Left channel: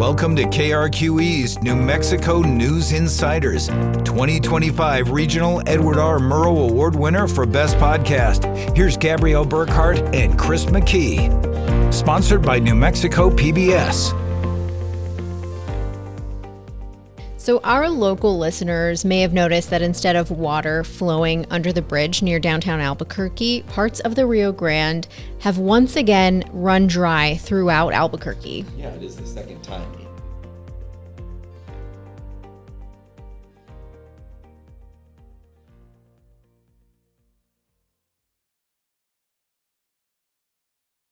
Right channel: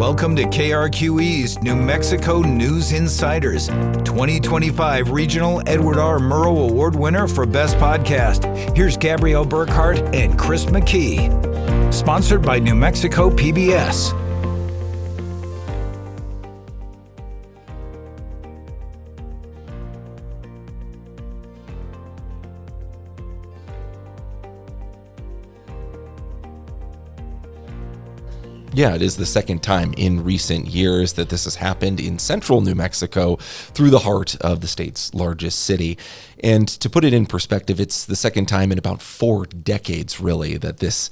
Welcome to KRQE's New Mexico News Insiders, 2025 Regional Edward R. Murrow Award winner for Best Podcast. Here's Gabrielle Burkhart and Chris McKee. Sponsored by New Mexico PBS. So our local listeners may have noticed that instead of water flowing under the bridge near downtown Albuquerque, parts of the Rio Grande have once again run dry throughout Albuquerque. Yeah, it is the second time in recent years that this has happened in central New Mexico through the heart of the state's largest city. And to put it in perspective, it's the second time in about 4 decades, really, that this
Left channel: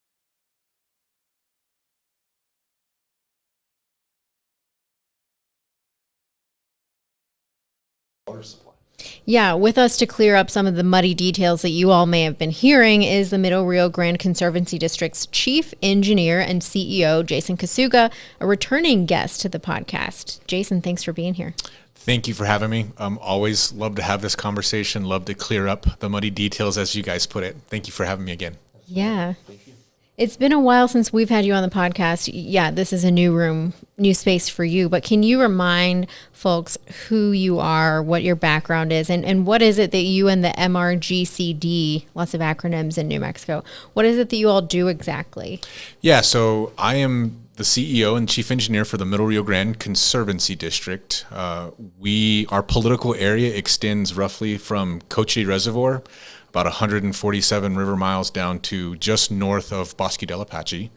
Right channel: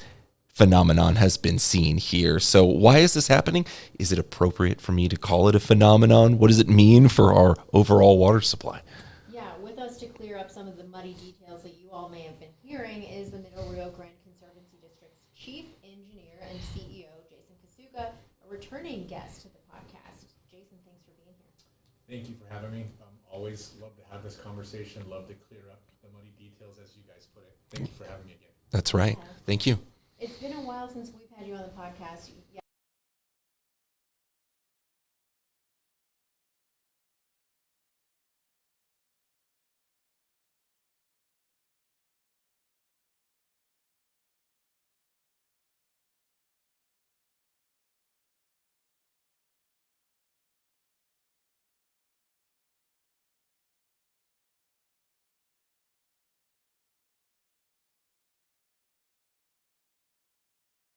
phenomenon has been seen here. So why is this happening? Is it appropriate for me to call it a phenomenon? What does it mean for our overall water supply? Yeah, with us to clear up some of the muddy details that you all may have been hearing is the Middle Rio Grande Conservancy District's Chief Engineer and CEO, Jason Casuga, a returning guest to the podcast. Jason, thanks for being here. Thank you for having me. Always love to have this conversation, love to clear up the muddy details as you guys put it. Thank you for having me again. That's right. Yeah. Thank you. It's been a while since we've had you on the podcast. Yeah, this is a new room, new space for you. But can you remind folks who you are, what your background is, and what is it that you and the MRGCD, lots of acronyms in New Mexico, what is it that you all do exactly? Yeah, so I am the CEO and Chief Engineer for the Middle Rio Grande Conservancy District. Our political area extends roughly from Cochise Reservoir, about 147 river miles down to just north of Bosque del Apache.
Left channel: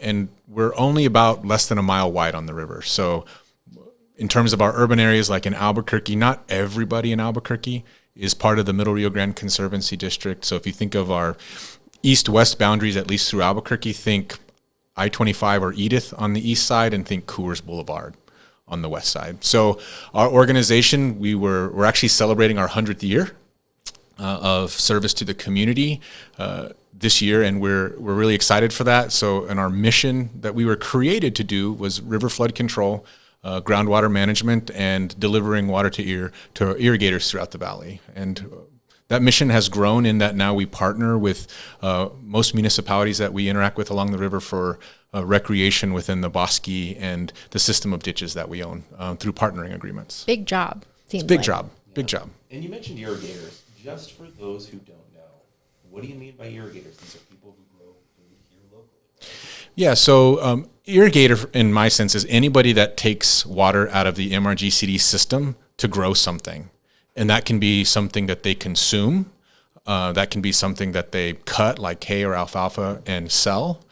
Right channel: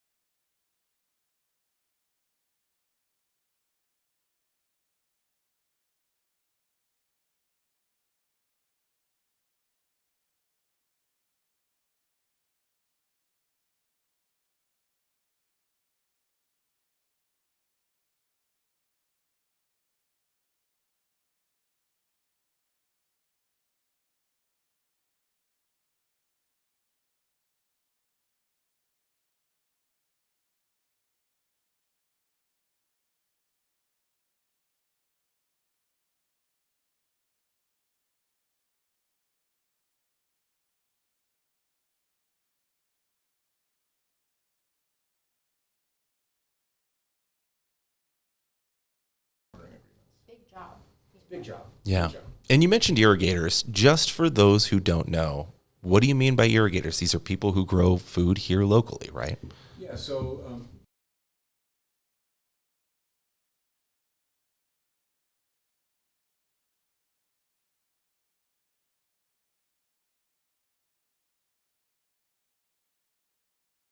And we're only about less than a mile wide on the river. So in terms of our urban areas, like in Albuquerque, not everybody in Albuquerque is part of the Middle Rio Grande Conservancy District. So if you think of our east-west boundaries, at least through Albuquerque, think I-25 or Edith on the east side and think Coors Boulevard on the west side. So our organization, we're actually celebrating our 100th year of service to the community this year, and we're really excited for that. So, and our mission that we were created to do was river flood control, groundwater management, and delivering water to irrigators throughout the valley. And that mission has grown in that now we partner with most municipalities that we interact with along the river for recreation within the bosque and the system of ditches that we own through partnering agreements. Big job. It's a big job. Yeah. Big job. And you mentioned irrigators. Just for those who don't know, what do you mean by irrigators? These are people who grow food here locally, right? Yeah, so irrigator, in my sense, is anybody that takes water out of the MRGCD system to grow something. And that can be something that they consume. That can be something that they cut, like hay or alfalfa, and sell.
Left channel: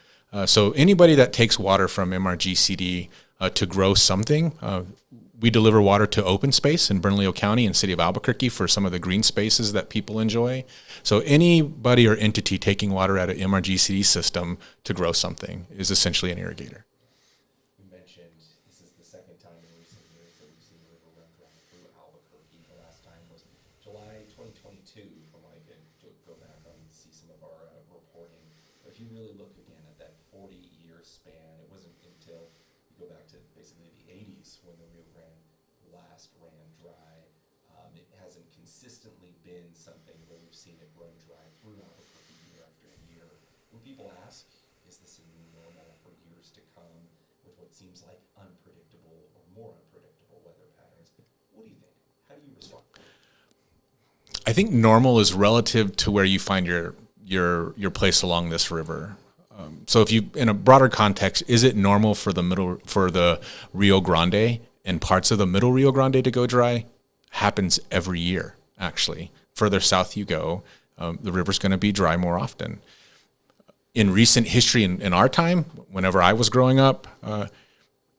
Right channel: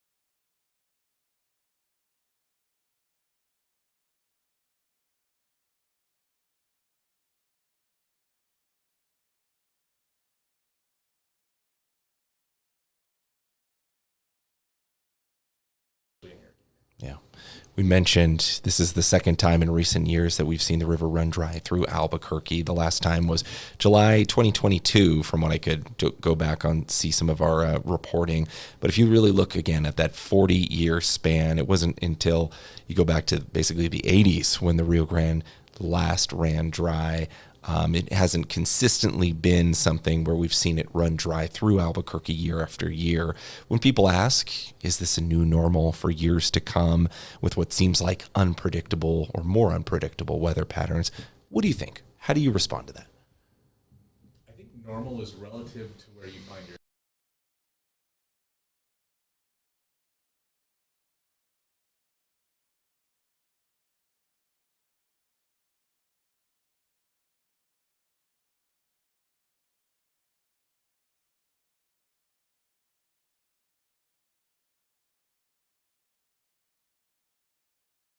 So anybody that takes water from MRGCD to grow something, we deliver water to open space in Bernalillo County and City of Albuquerque for some of the green spaces that people enjoy. So anybody or entity taking water out of MRGCD system to grow something is essentially an irrigator. Yeah. We mentioned this is the second time in recent years that we've seen the river run dry through Albuquerque. The last time was July 2022, from what I could go back on, see some of our reporting. But if you really look again at that 40-year span, it wasn't until you go back to basically the 80s when the Rio Grande last ran dry. It hasn't consistently been something where we've seen it run dry through Albuquerque year after year. When people ask, is this a new normal for years to come with what seems like unpredictable or more unpredictable weather patterns, what do you think? How do you respond to that? I think normal is relative to where you find your place along this river. So if you, in a broader context, is it normal for the Rio Grande and parts of the Middle Rio Grande to go dry? Happens every year, actually. Further south you go, the river's going to be dry more often. In recent history, in our time, whenever I was growing up,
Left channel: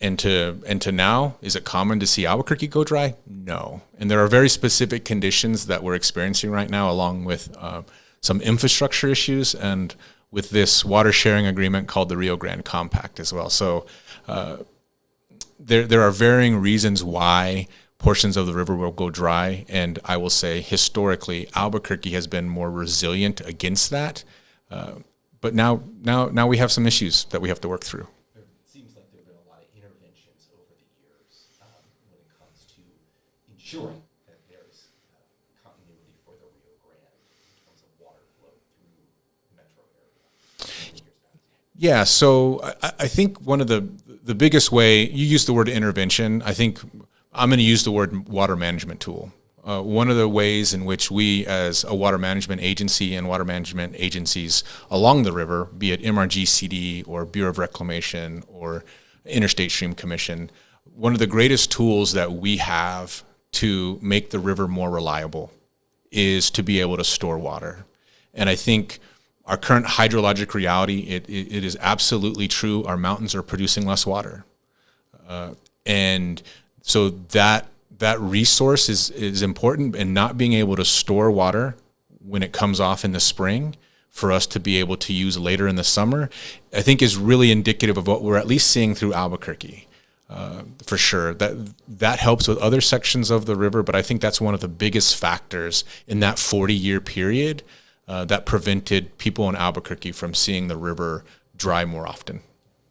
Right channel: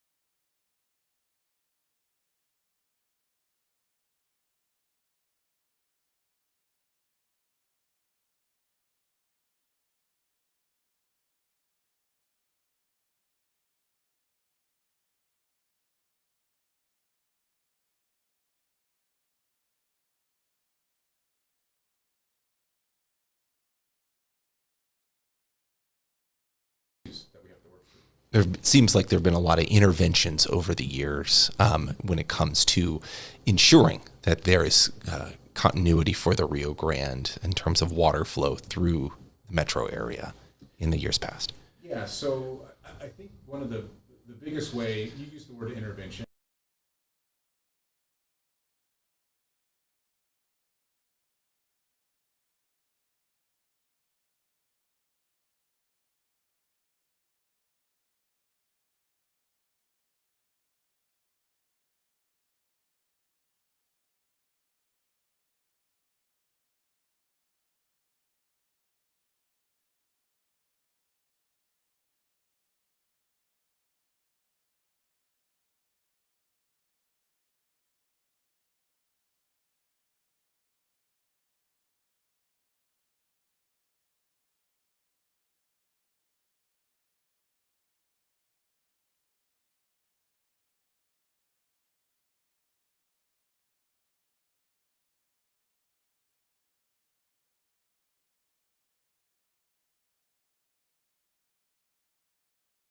and to now, is it common to see Albuquerque go dry? No. And there are very specific conditions that we're experiencing right now, along with some infrastructure issues and with this water sharing agreement called the Rio Grande Compact as well. So there are varying reasons why portions of the river will go dry, and I will say historically Albuquerque has been more resilient against that. But now we have some issues that we have to work through. There seems like there have been a lot of interventions over the years when it comes to ensuring that there is continuity for the Rio Grande in terms of water flow through the metro area in the years past. Yeah, so I think one of the the biggest way, you use the word intervention, I think I'm going to use the word water management tool. One of the ways in which we as a water management agency and water management agencies along the river, be it MRGCD or Bureau of Reclamation or Interstate Stream Commission, one of the greatest tools that we have to make the river more reliable is to be able to store water. And I think our current hydrologic reality, it is absolutely true. Our mountains are producing less water. And so that resource is important, and not being able to store water when it comes off in the spring for us to be able to use later in the summer, I think is really indicative of what we're at least seeing through Albuquerque. For sure, that helps with other sections of the river, but I think that's one of the biggest factors in that 40-year period that prevented people in Albuquerque from seeing the river dry more often.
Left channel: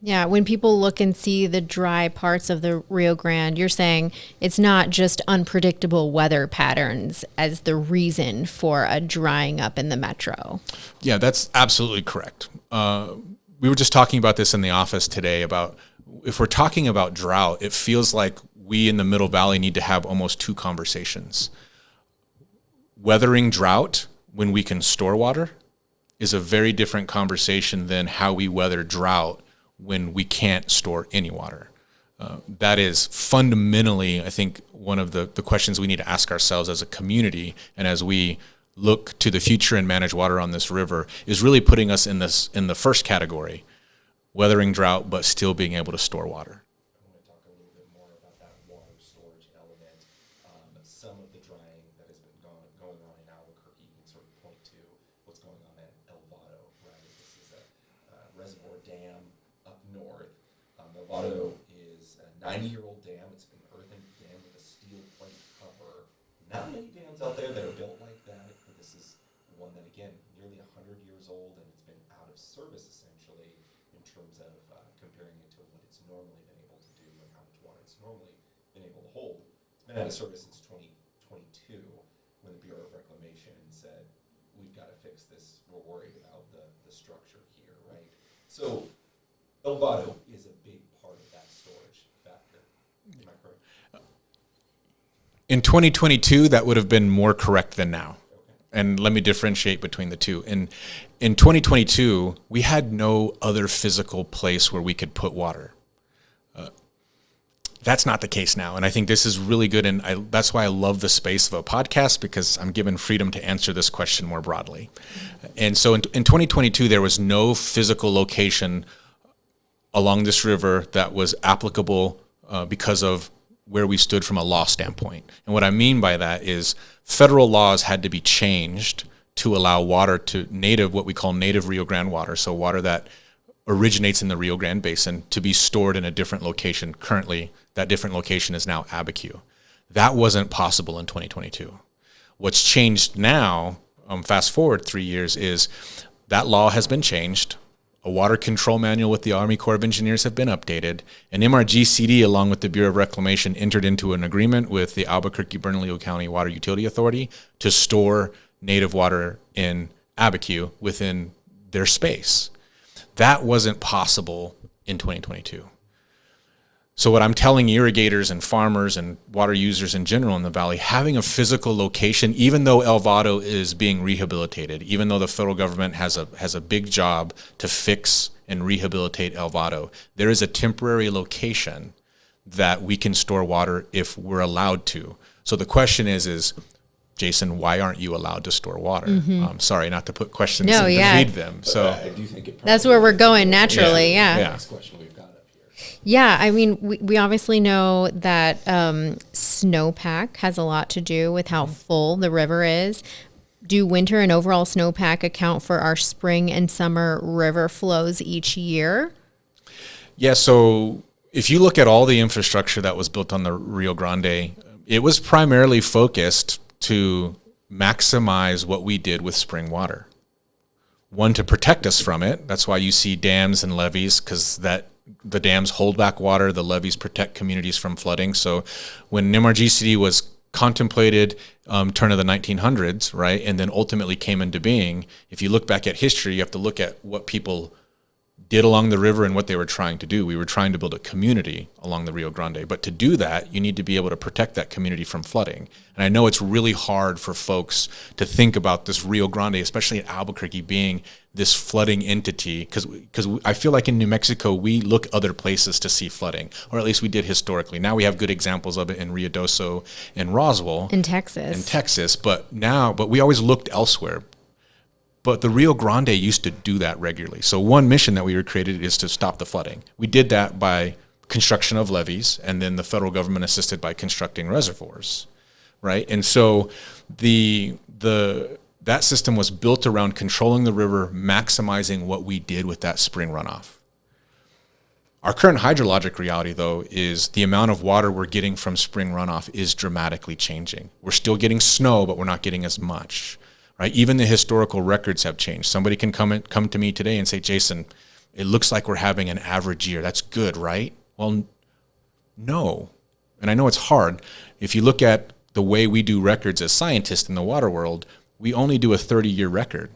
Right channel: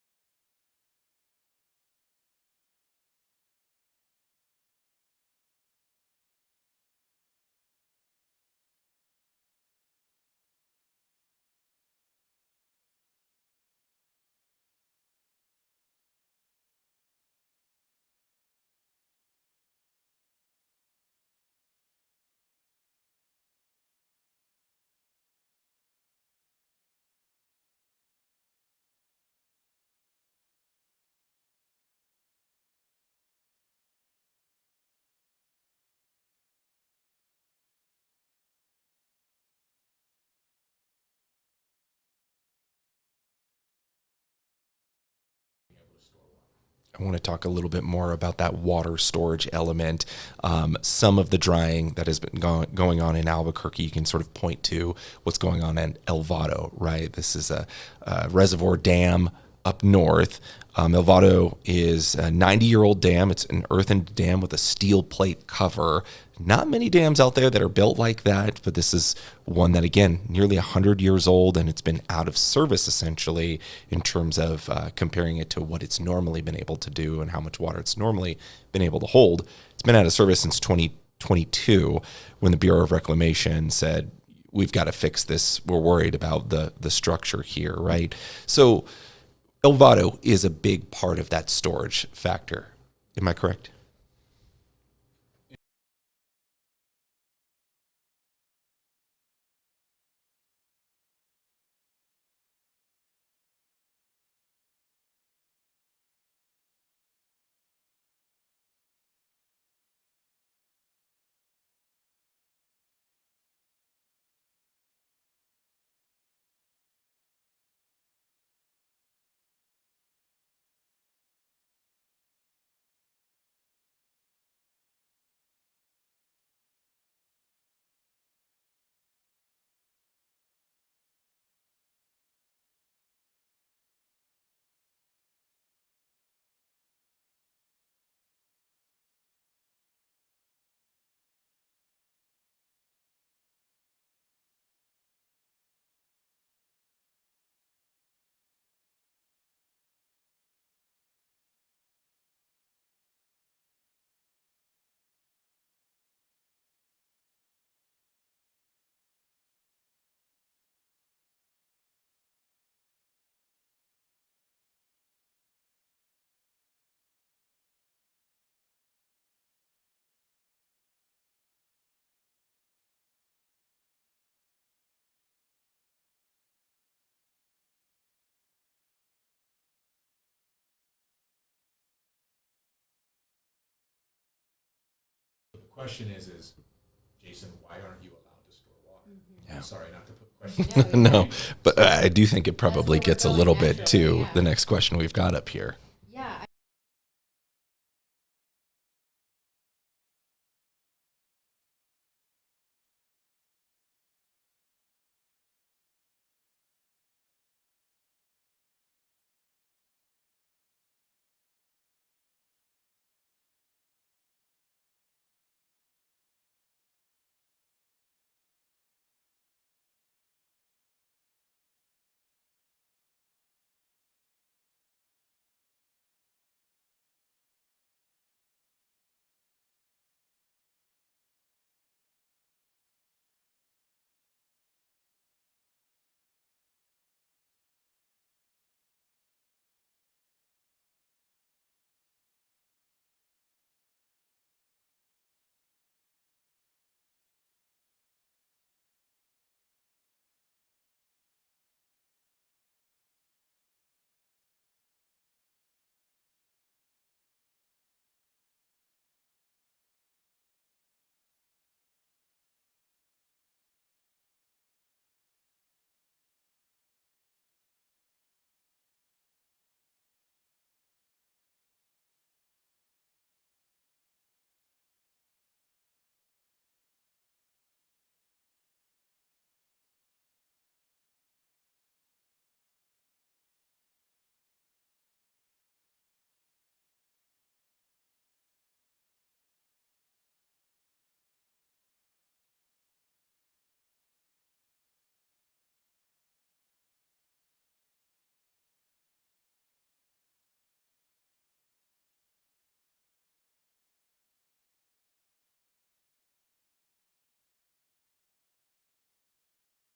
Yeah, when people look and see the dry parts of the Rio Grande, you're saying it's not just unpredictable weather patterns as the reason for a drying up in the metro. Yeah, that's absolutely correct. We were just talking about this in the office today about if we're talking about drought, it feels like we in the Middle Valley need to have almost two conversations. Weathering drought when we can store water is a very different conversation than how we weather drought when we can't store any water. That is fundamentally, I think, one of the questions we need to ask ourselves as a community, and as we look to the future and manage water on this river, is really putting us in the first category, weathering drought, but still being able to store water. I want to talk a little bit more about that water storage element. Some of the drying that has been going on in Albuquerque, you can sort of point to what's going on in Elvado, right? This is a reservoir dam up north. Elvado is a 90-year-old dam. It's an earthen dam with a steel plate cover. Not many dams out there that are built like that, but this is one that, again, nearly 100 years old, and it's been out of service, essentially, in terms of comparing it to what it's normally been able to do and how much water it's normally been able to hold. It's been out of service since 2022, when the Bureau of Reclamation said, we've got to fix this. We're worried about the structure here, right? So Elvado is a big part of that storage factor. Am I correct? In 2022, that would have been more correct than now. And let me differentiate between the two. In 2022, we had no other physical place where we could put water. That's not the case now. And I think this is really good. And that's why I love the space of a podcast, because I'm given freedom to answer this question more broadly. And so in 2022, there was no physical location along this river that was applicable because of where we stood from a law standpoint. And what I mean by that is federal laws had to be changed to allow water to what we call native Rio Grande water, so water that originates in the Rio Grande Basin, to be stored in a different location. Currently, that different location is now Abiquiu. That wasn't possible in 2022. What's changed now, fast forward 3 years, is that law has been changed. A water control manual with the Army Corps of Engineers have been updated, and MRGCD, along with the Bureau of Reclamation, entered into an agreement with the Albuquerque-Bernalillo County Water Utility Authority to store native water in Abiquiu within their space. That wasn't possible in 2022. So what I'm telling irrigators and farmers and water users in general in the valley, having a physical location, even though Elvado is being rehabilitated, even though the federal government has a big job to fix and rehabilitate Elvado, there is a temporary location that we can store water if we're allowed to. So the question is Jason, why aren't you allowed to store water? Mm-hmm. Sorry, not to put questions No, yeah. in them. But I do think it probably That's where we're gets a going little bit naturally, to yeah. the next question we've got up here. Yeah, I mean, we obviously know that snowpack has a lot to do with how full the river is. Do winter and overall snowpack account for our spring and summer river flows each year? Yeah, so if you look at all the infrastructure that was built on the Rio Grande, it was primarily focused to maximize what we did with spring water. One, to protect us from it. That's why you see dams and levees, because the dams hold back water, the levees protect communities from flooding. So when MRGCD was contemplated, turn of the 1900s, right, and then ultimately came into being, if you look back at history, you have to look at what people did along the river and what they were trying to do. We were trying to build a community along the Rio Grande. But to do that, you need to be able to protect that community from flooding. And I know it's really hard for folks to think about this Rio Grande, especially at Albuquerque, being this flooding entity, because I feel like in New Mexico, we look other places to see flooding, or at least we did historically. Now we have good examples of it in Ruidoso and Roswell. In Texas. But we always looked elsewhere. But the Rio Grande used to do that regularly. So one mission that we were created is to stop the flooding. We did that by construction of levees, and then the federal government assisted by constructing reservoirs, right? And so that system was built around controlling the river, maximizing what we did with that spring runoff. Our current hydrologic reality, though, is the amount of water we're getting from spring runoff is dramatically changing. We're still getting snow, but we're not getting as much. Right? Even the historical records have changed. Somebody can come to me today and say, Jason, it looks like we're having an average year. That's good, right? Well, no. And I know it's hard. If you look at the way we do records as scientists in the water world, we only do a 30-year record.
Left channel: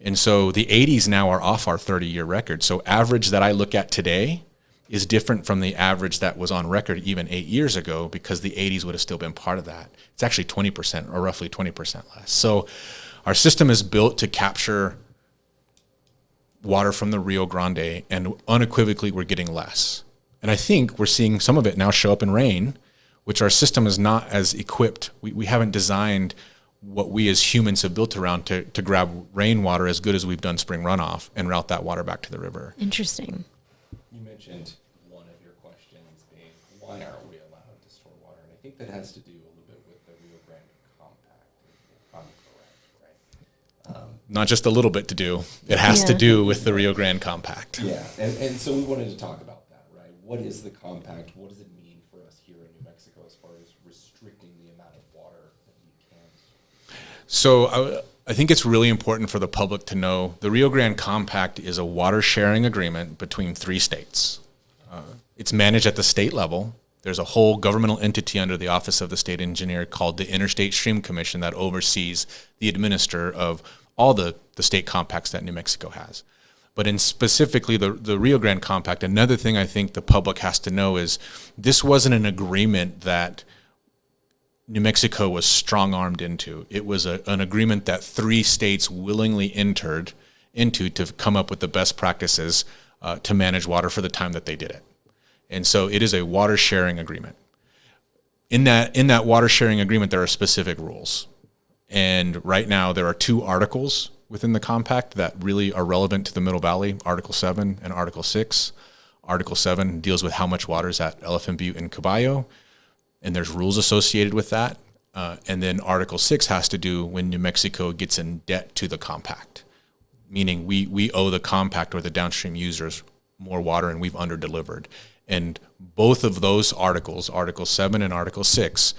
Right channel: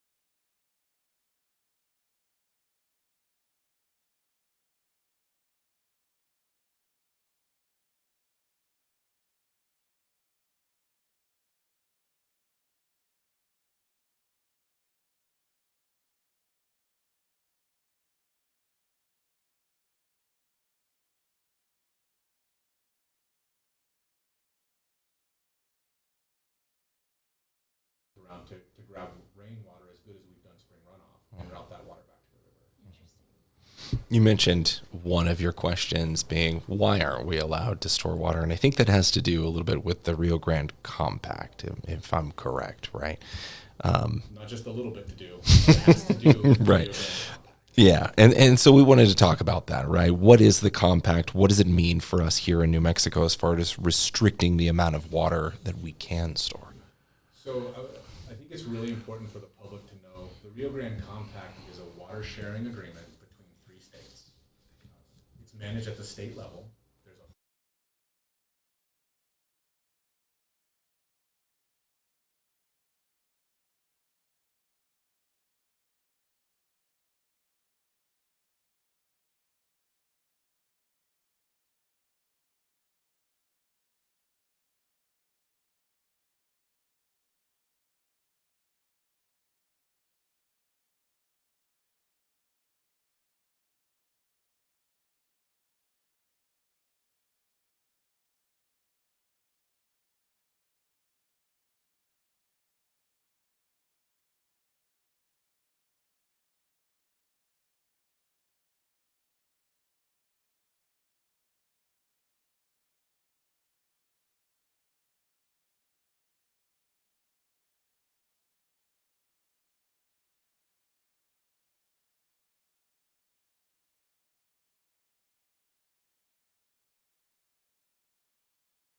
And so the 80s now are off our 30-year record. So average that I look at today is different from the average that was on record even 8 years ago, because the 80s would have still been part of that. It's actually 20% or roughly 20% less. So our system is built to capture water from the Rio Grande, and unequivocally we're getting less. And I think we're seeing some of it now show up in rain, which our system is not as equipped. We haven't designed what we as humans have built around to grab rainwater as good as we've done spring runoff and route that water back to the river. Interesting. You mentioned one of your questions being, why aren't we allowed to store water? And I think that has to do a little bit with the Rio Grande Compact, if I'm correct, right? Not just a little bit to do. It has to do with the Rio Grande Compact. Yeah. And so we wanted to talk about that, right? What is the compact? What does it mean for us here in New Mexico as far as restricting the amount of water that we can store? So I think it's really important for the public to know the Rio Grande Compact is a water sharing agreement between 3 states. It's managed at the state level. There's a whole governmental entity under the Office of the State Engineer called the Interstate Stream Commission that oversees the administer of all the state compacts that New Mexico has. But in specifically the Rio Grande Compact, another thing I think the public has to know is this wasn't an agreement that New Mexico was strong-armed into. It was an agreement that 3 states willingly entered into to come up with the best practices to manage water for the time that they did it. And so it is a water sharing agreement. In that water sharing agreement, there are specific rules. And right now there are 2 articles within the compact that really are relevant to the Middle Valley, Article 7 and Article 6. Article 7 deals with how much water is at Elephant Butte and Caballo, and there's rules associated with that. And then Article 6 has to do when New Mexico gets in debt to the compact, meaning we owe the compact or the downstream users more water and we've under-delivered. And both of those articles, Article 7 and Article 6,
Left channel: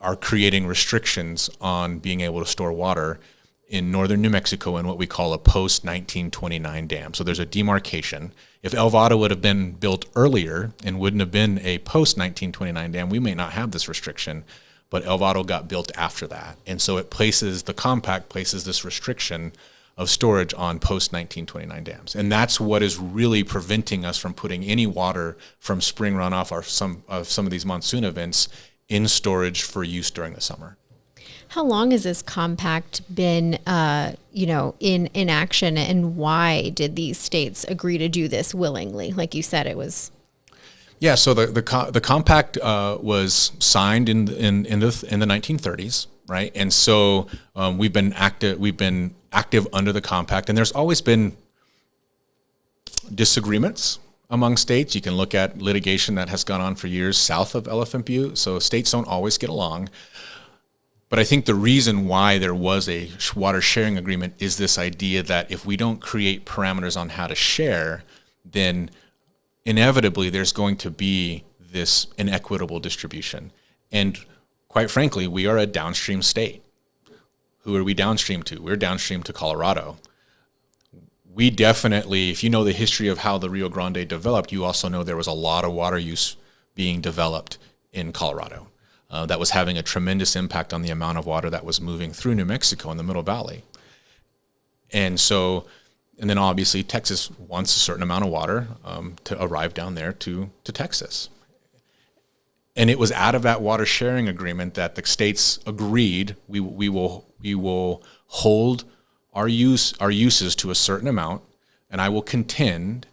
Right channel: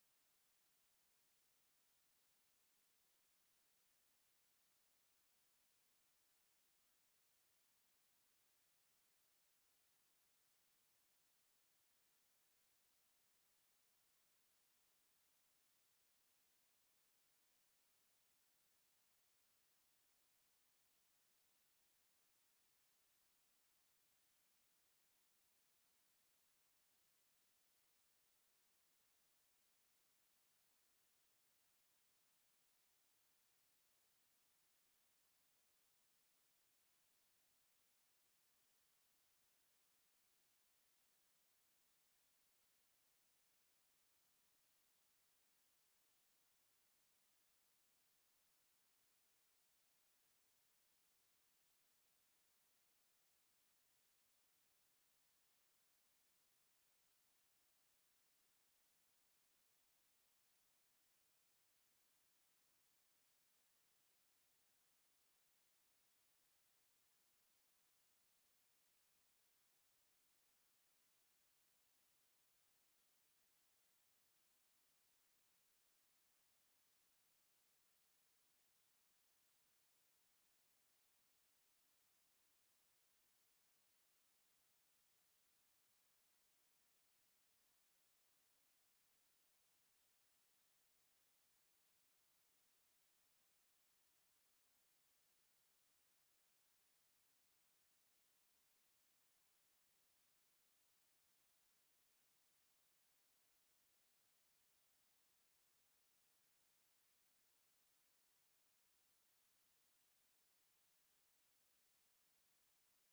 are creating restrictions on being able to store water in northern New Mexico in what we call a post-1929 dam. So there's a demarcation. If Elvado would have been built earlier and wouldn't have been a post-1929 dam, we may not have this restriction, but Elvado got built after that. And so the compact places this restriction of storage on post-1929 dams. And that's what is really preventing us from putting any water from spring runoff or some of these monsoon events in storage for use during the summer. How long has this compact been, in action, and why did these states agree to do this willingly? Like you said, it was. Yeah, so the compact was signed in the 1930s, right? And so we've been active under the compact, and there's always been disagreements among states. You can look at litigation that has gone on for years south of Elephant Butte, so states don't always get along. But I think the reason why there was a water sharing agreement is this idea that if we don't create parameters on how to share, then inevitably there's going to be this inequitable distribution. And quite frankly, we are a downstream state. Who are we downstream to? We're downstream to Colorado. We definitely, if you know the history of how the Rio Grande developed, you also know there was a lot of water use being developed in Colorado. That was having a tremendous impact on the amount of water that was moving through New Mexico in the Middle Valley. And so And then obviously Texas wants a certain amount of water to arrive down there to Texas. And it was out of that water sharing agreement that the states agreed we will hold our uses to a certain amount, and I will contend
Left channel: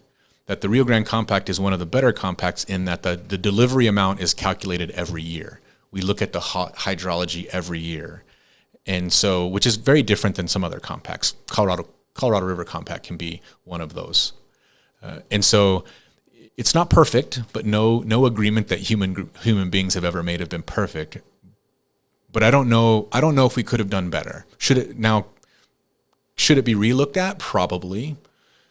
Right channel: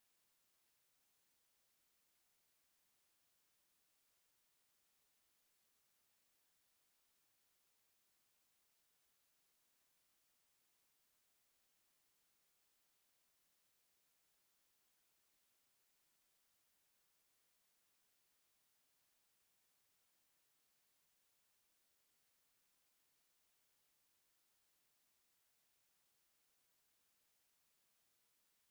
that the Rio Grande Compact is one of the better compacts in that the delivery amount is calculated every year. We look at the hydrology every year. And so, which is very different than some other compacts. Colorado River Compact can be one of those. And so it's not perfect, but no agreement that human beings have ever made have been perfect. But I don't know if we could have done better. Should it be relooked at? Probably.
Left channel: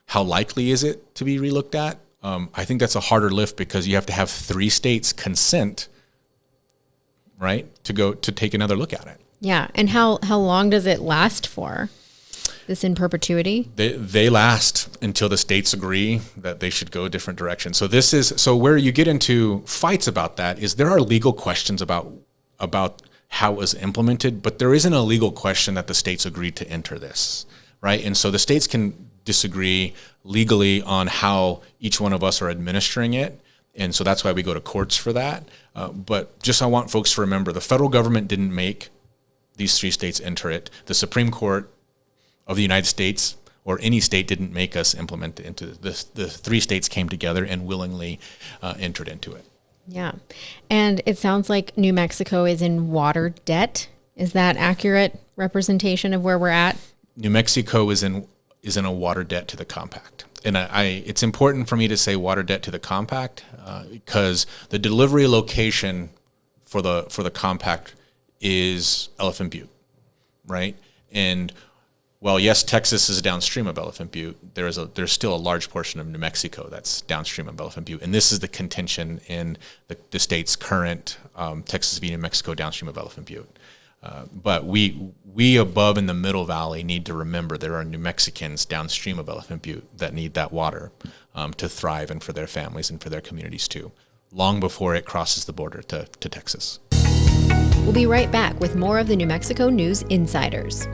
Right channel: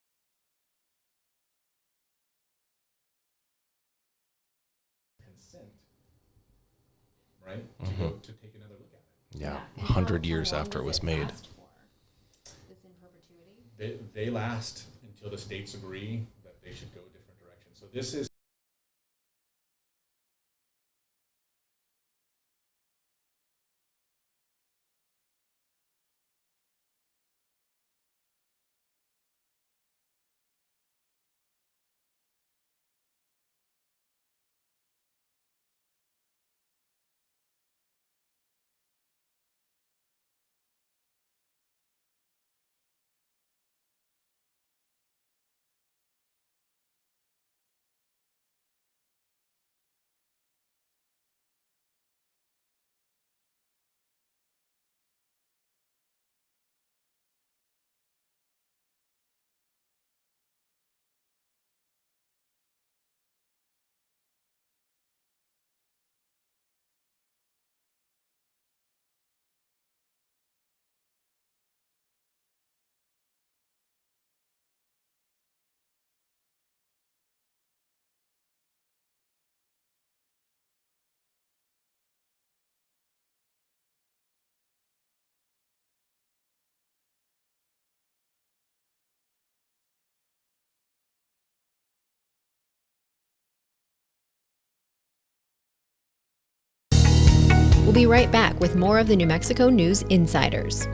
How likely is it to be relooked at? I think that's a harder lift because you have to have 3 states consent, right, to take another look at it. Yeah. And how long does it last for? This in perpetuity? They last until the states agree that they should go a different direction. So where you get into fights about that is there are legal questions about how it was implemented, but there isn't a legal question that the states agreed to enter this, right? And so the states can disagree legally on how each one of us are administering it. And so that's why we go to courts for that. But I want folks to remember, the federal government didn't make these 3 states enter it. The Supreme Court of the United States or any state didn't make us implement it into this. The 3 states came together and willingly entered into it. Yeah. And it sounds like New Mexico is in water debt. Is that accurate representation of where we're at? New Mexico is in a water debt to the compact. And it's important for me to say water debt to the compact because the delivery location for the compact is Elephant Butte, right? And while yes, Texas is downstream of Elephant Butte, there's still a large portion of New Mexico that's downstream of Elephant Butte, and this is the contention in the state's current Texas v. New Mexico downstream of Elephant Butte. But we above in the Middle Valley need to remember there are New Mexicans downstream of Elephant Butte that need that water to thrive and for their families and for their communities too, long before it crosses the border to Texas. We'll be right back with more of the New Mexico News Insiders.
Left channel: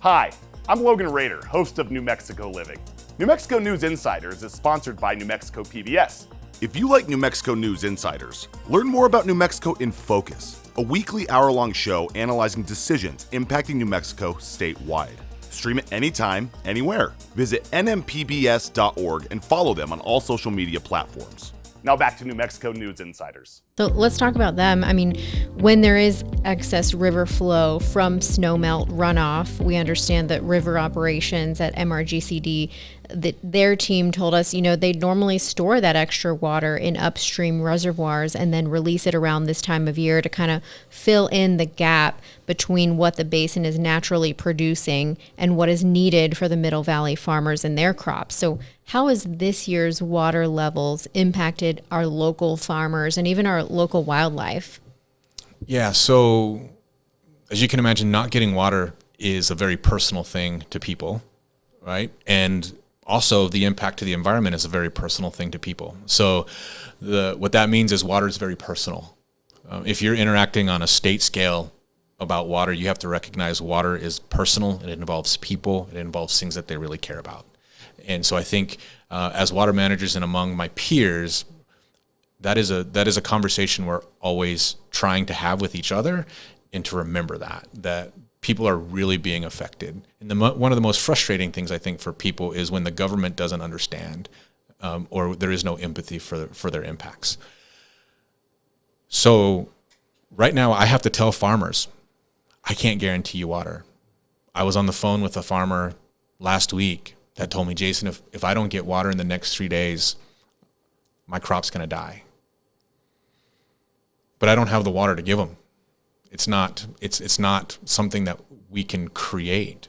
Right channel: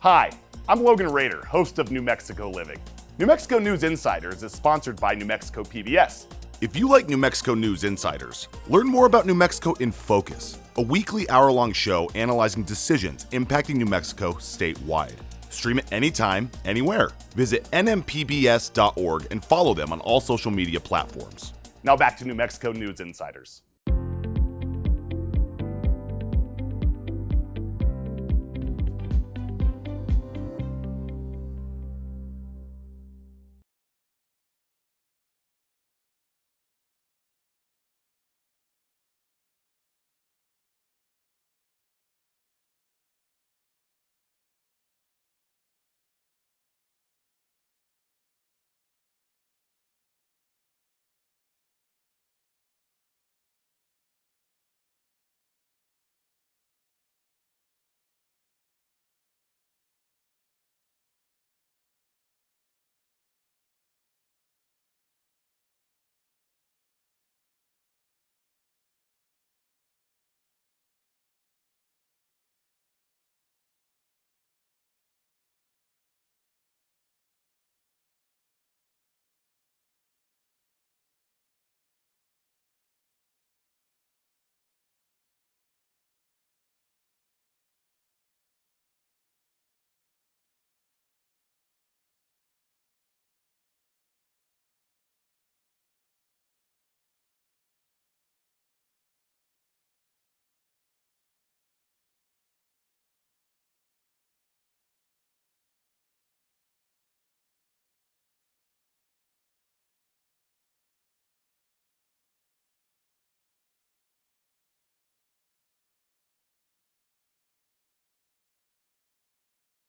Hi, I'm Logan Rader, host of New Mexico Living. New Mexico News Insiders is sponsored by New Mexico PBS. If you like New Mexico News Insiders, learn more about New Mexico in Focus, a weekly hour-long show analyzing decisions impacting New Mexico statewide. Stream it anytime, anywhere. Visit nmpbs.org and follow them on all social media platforms. Now back to New Mexico News Insiders. So let's talk about them. I mean, when there is excess river flow from snowmelt runoff, we understand that river operations at MRGCD, that their team told us, they normally store that extra water in upstream reservoirs and then release it around this time of year to kind of fill in the gap between what the basin is naturally producing and what is needed for the Middle Valley farmers and their crops. So how has this year's water levels impacted our local farmers and even our local wildlife? Yeah, so as you can imagine, not getting water is a very personal thing to people, right? And also the impact to the environment is a very personal thing to people. So what that means is water is very personal. If you're interacting on a state scale about water, you have to recognize water is personal. It involves people. It involves things that they really care about. And so I think as water managers and among my peers, that is a conversation we're always trying to have with each other and to remember that people are really being affected. And one of the most frustrating things I think for people is when the government doesn't understand or there is no empathy for their impacts. So right now I have to tell farmers, I can't guarantee you water. I was on the phone with a farmer last week that told me, Jason, if I don't get water in the next 3 days, my crop's going to die. But I don't have the water to give them. It's not something that we can create,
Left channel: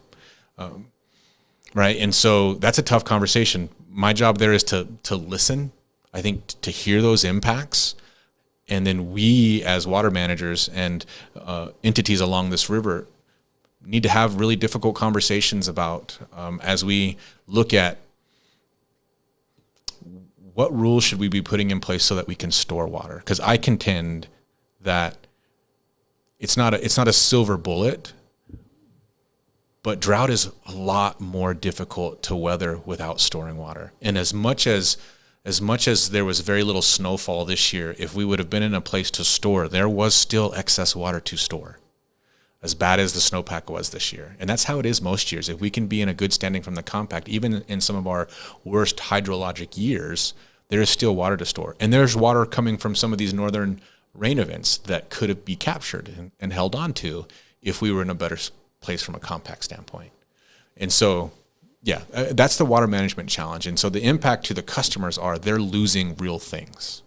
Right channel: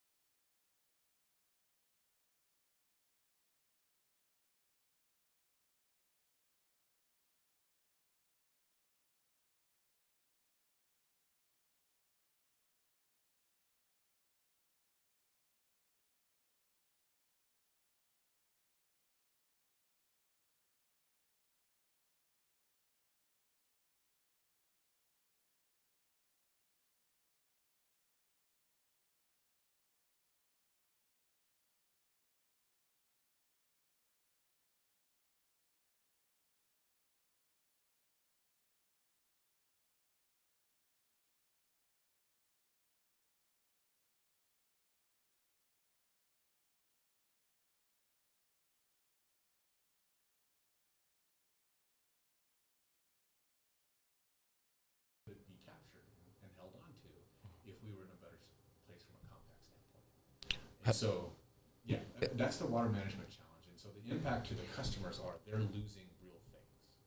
right? And so that's a tough conversation. My job there is to listen, I think, to hear those impacts. And then we as water managers and entities along this river need to have really difficult conversations about as we look at what rules should we be putting in place so that we can store water. Because I contend that it's not a silver bullet, But drought is a lot more difficult to weather without storing water. And as much as there was very little snowfall this year, if we would have been in a place to store, there was still excess water to store, as bad as the snowpack was this year. And that's how it is most years. If we can be in a good standing from the compact, even in some of our worst hydrologic years, there is still water to store. And there's water coming from some of these northern rain events that could be captured and held on to if we were in a better place from a compact standpoint. And so, that's the water management challenge. And so the impact to the customers are they're losing real things.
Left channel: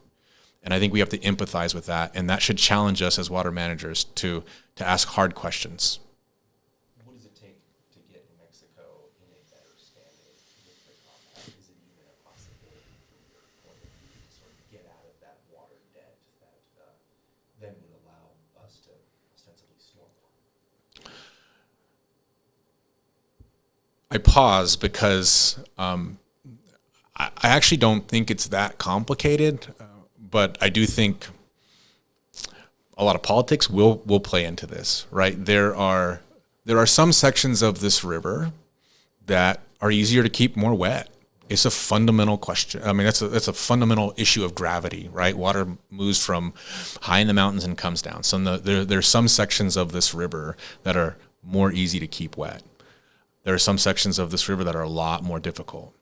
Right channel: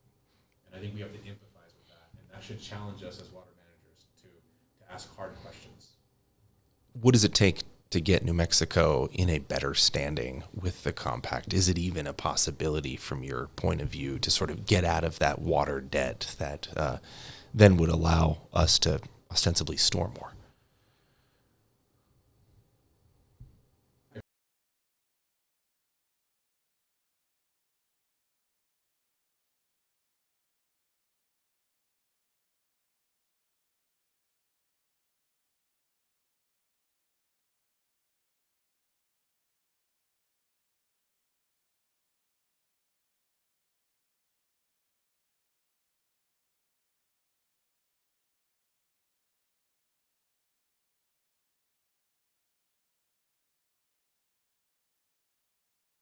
And I think we have to empathize with that. And that should challenge us as water managers to ask hard questions. What does it take to get New Mexico in a better standing with the compact? Is it even a possibility from your point of view to sort of get out of that water debt that then would allow us to ostensibly store more? I pause because I actually don't think it's that complicated, but I do think a lot of politics will play into this, right? There are some sections of this river that are easier to keep more wet. It's a fundamental question. I mean, that's a fundamental issue of gravity, right? Water moves from high in the mountains and comes down. So there's some sections of this river that are more easy to keep wet. There are some sections of this river that are a lot more difficult.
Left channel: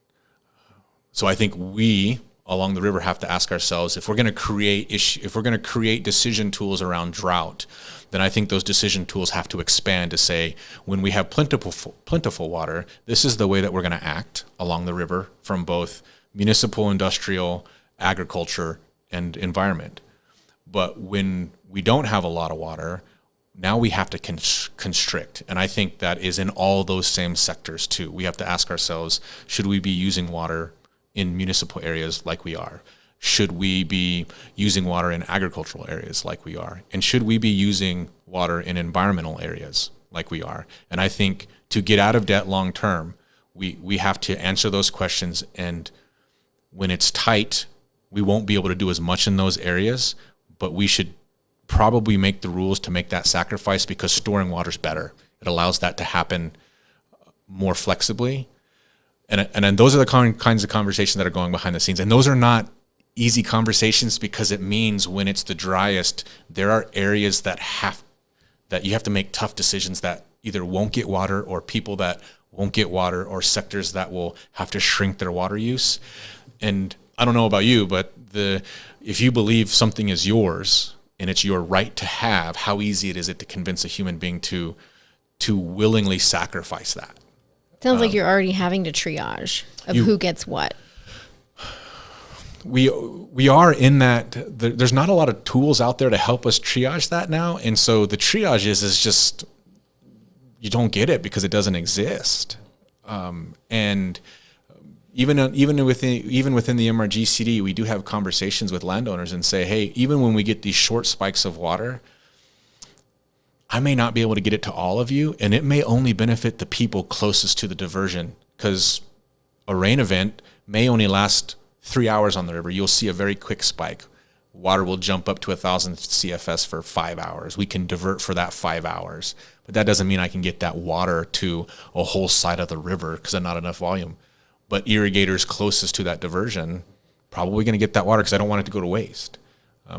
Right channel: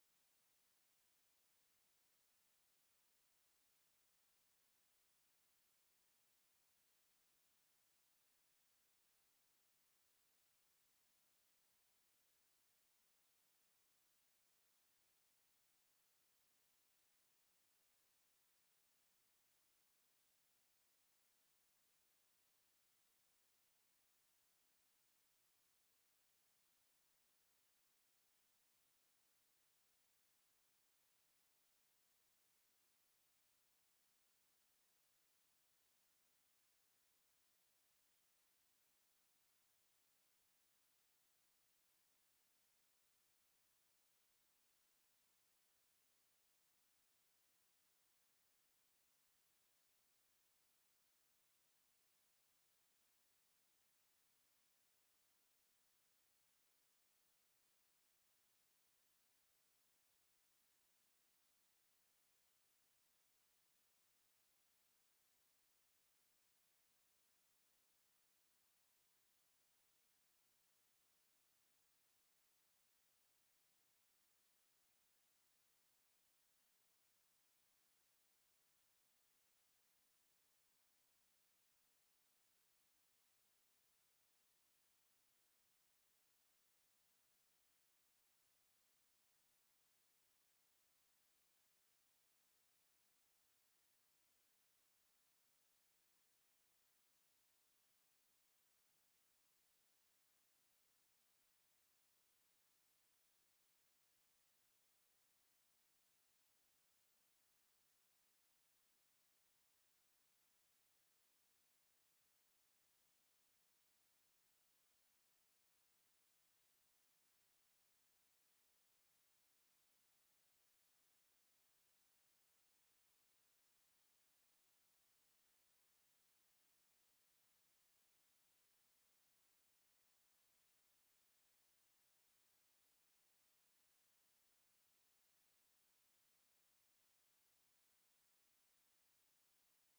So I think we along the river have to ask ourselves, if we're going to create decision tools around drought, then I think those decision tools have to expand to say, when we have plentiful water, this is the way that we're going to act along the river from both municipal, industrial, agriculture, and environment. But when we don't have a lot of water, now we have to constrict. And I think that is in all those same sectors too. We have to ask ourselves, should we be using water in municipal areas like we are? Should we be using water in agricultural areas like we are? And should we be using water in environmental areas like we are? And I think to get out of debt long term, we have to answer those questions. And when it's tight, we won't be able to do as much in those areas, but we should probably make the rules to make that sacrifice, because storing water is better. It allows that to happen more flexibly. And then those are the kinds of conversations that are going behind the scenes. And those are not easy conversations, because it means when it's the driest, there are areas that you have to make tough decisions that either won't get water, or people that won't get water, or sectors that will have to shrink their water use. And I don't know about you, but if you believe something is yours and it's your right to have, how easy is it to convince a human being to willingly sacrifice that? Sounds like you're already having to triage of who gets what. We are in that. There's not a lot of tools out there to help us triage that now, and so the triage is just you don't get it because it doesn't exist. And even within the MRGCD, we do have conversations with landowners and say, hey, even when we get these short spikes of water, I may not be able to get it to all of you, and it may only benefit the people closest to the diversion, because a rain event may only last 3 hours on the river. You'll see a very quick spike. Water will jump up to 1,000 CFS for 5 hours. We can divert for that 5 hours, but that doesn't mean I can get that water to a whole side of the river because there's not enough volume. But irrigators closest to that diversion probably going to get that water because I don't want it to go to waste.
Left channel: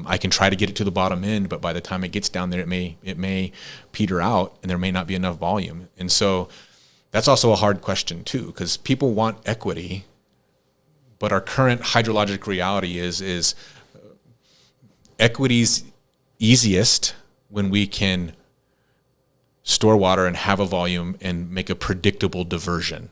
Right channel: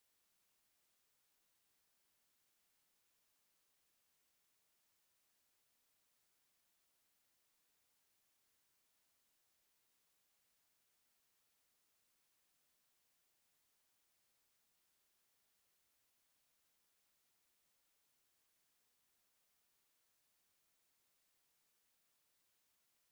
I can try to get it to the bottom end, but by the time it gets down there, it may peter out and there may not be enough volume. And so that's also a hard question too, because people want equity, but our current hydrologic reality is equity's easiest when we can store water and have a volume and make a predictable diversion.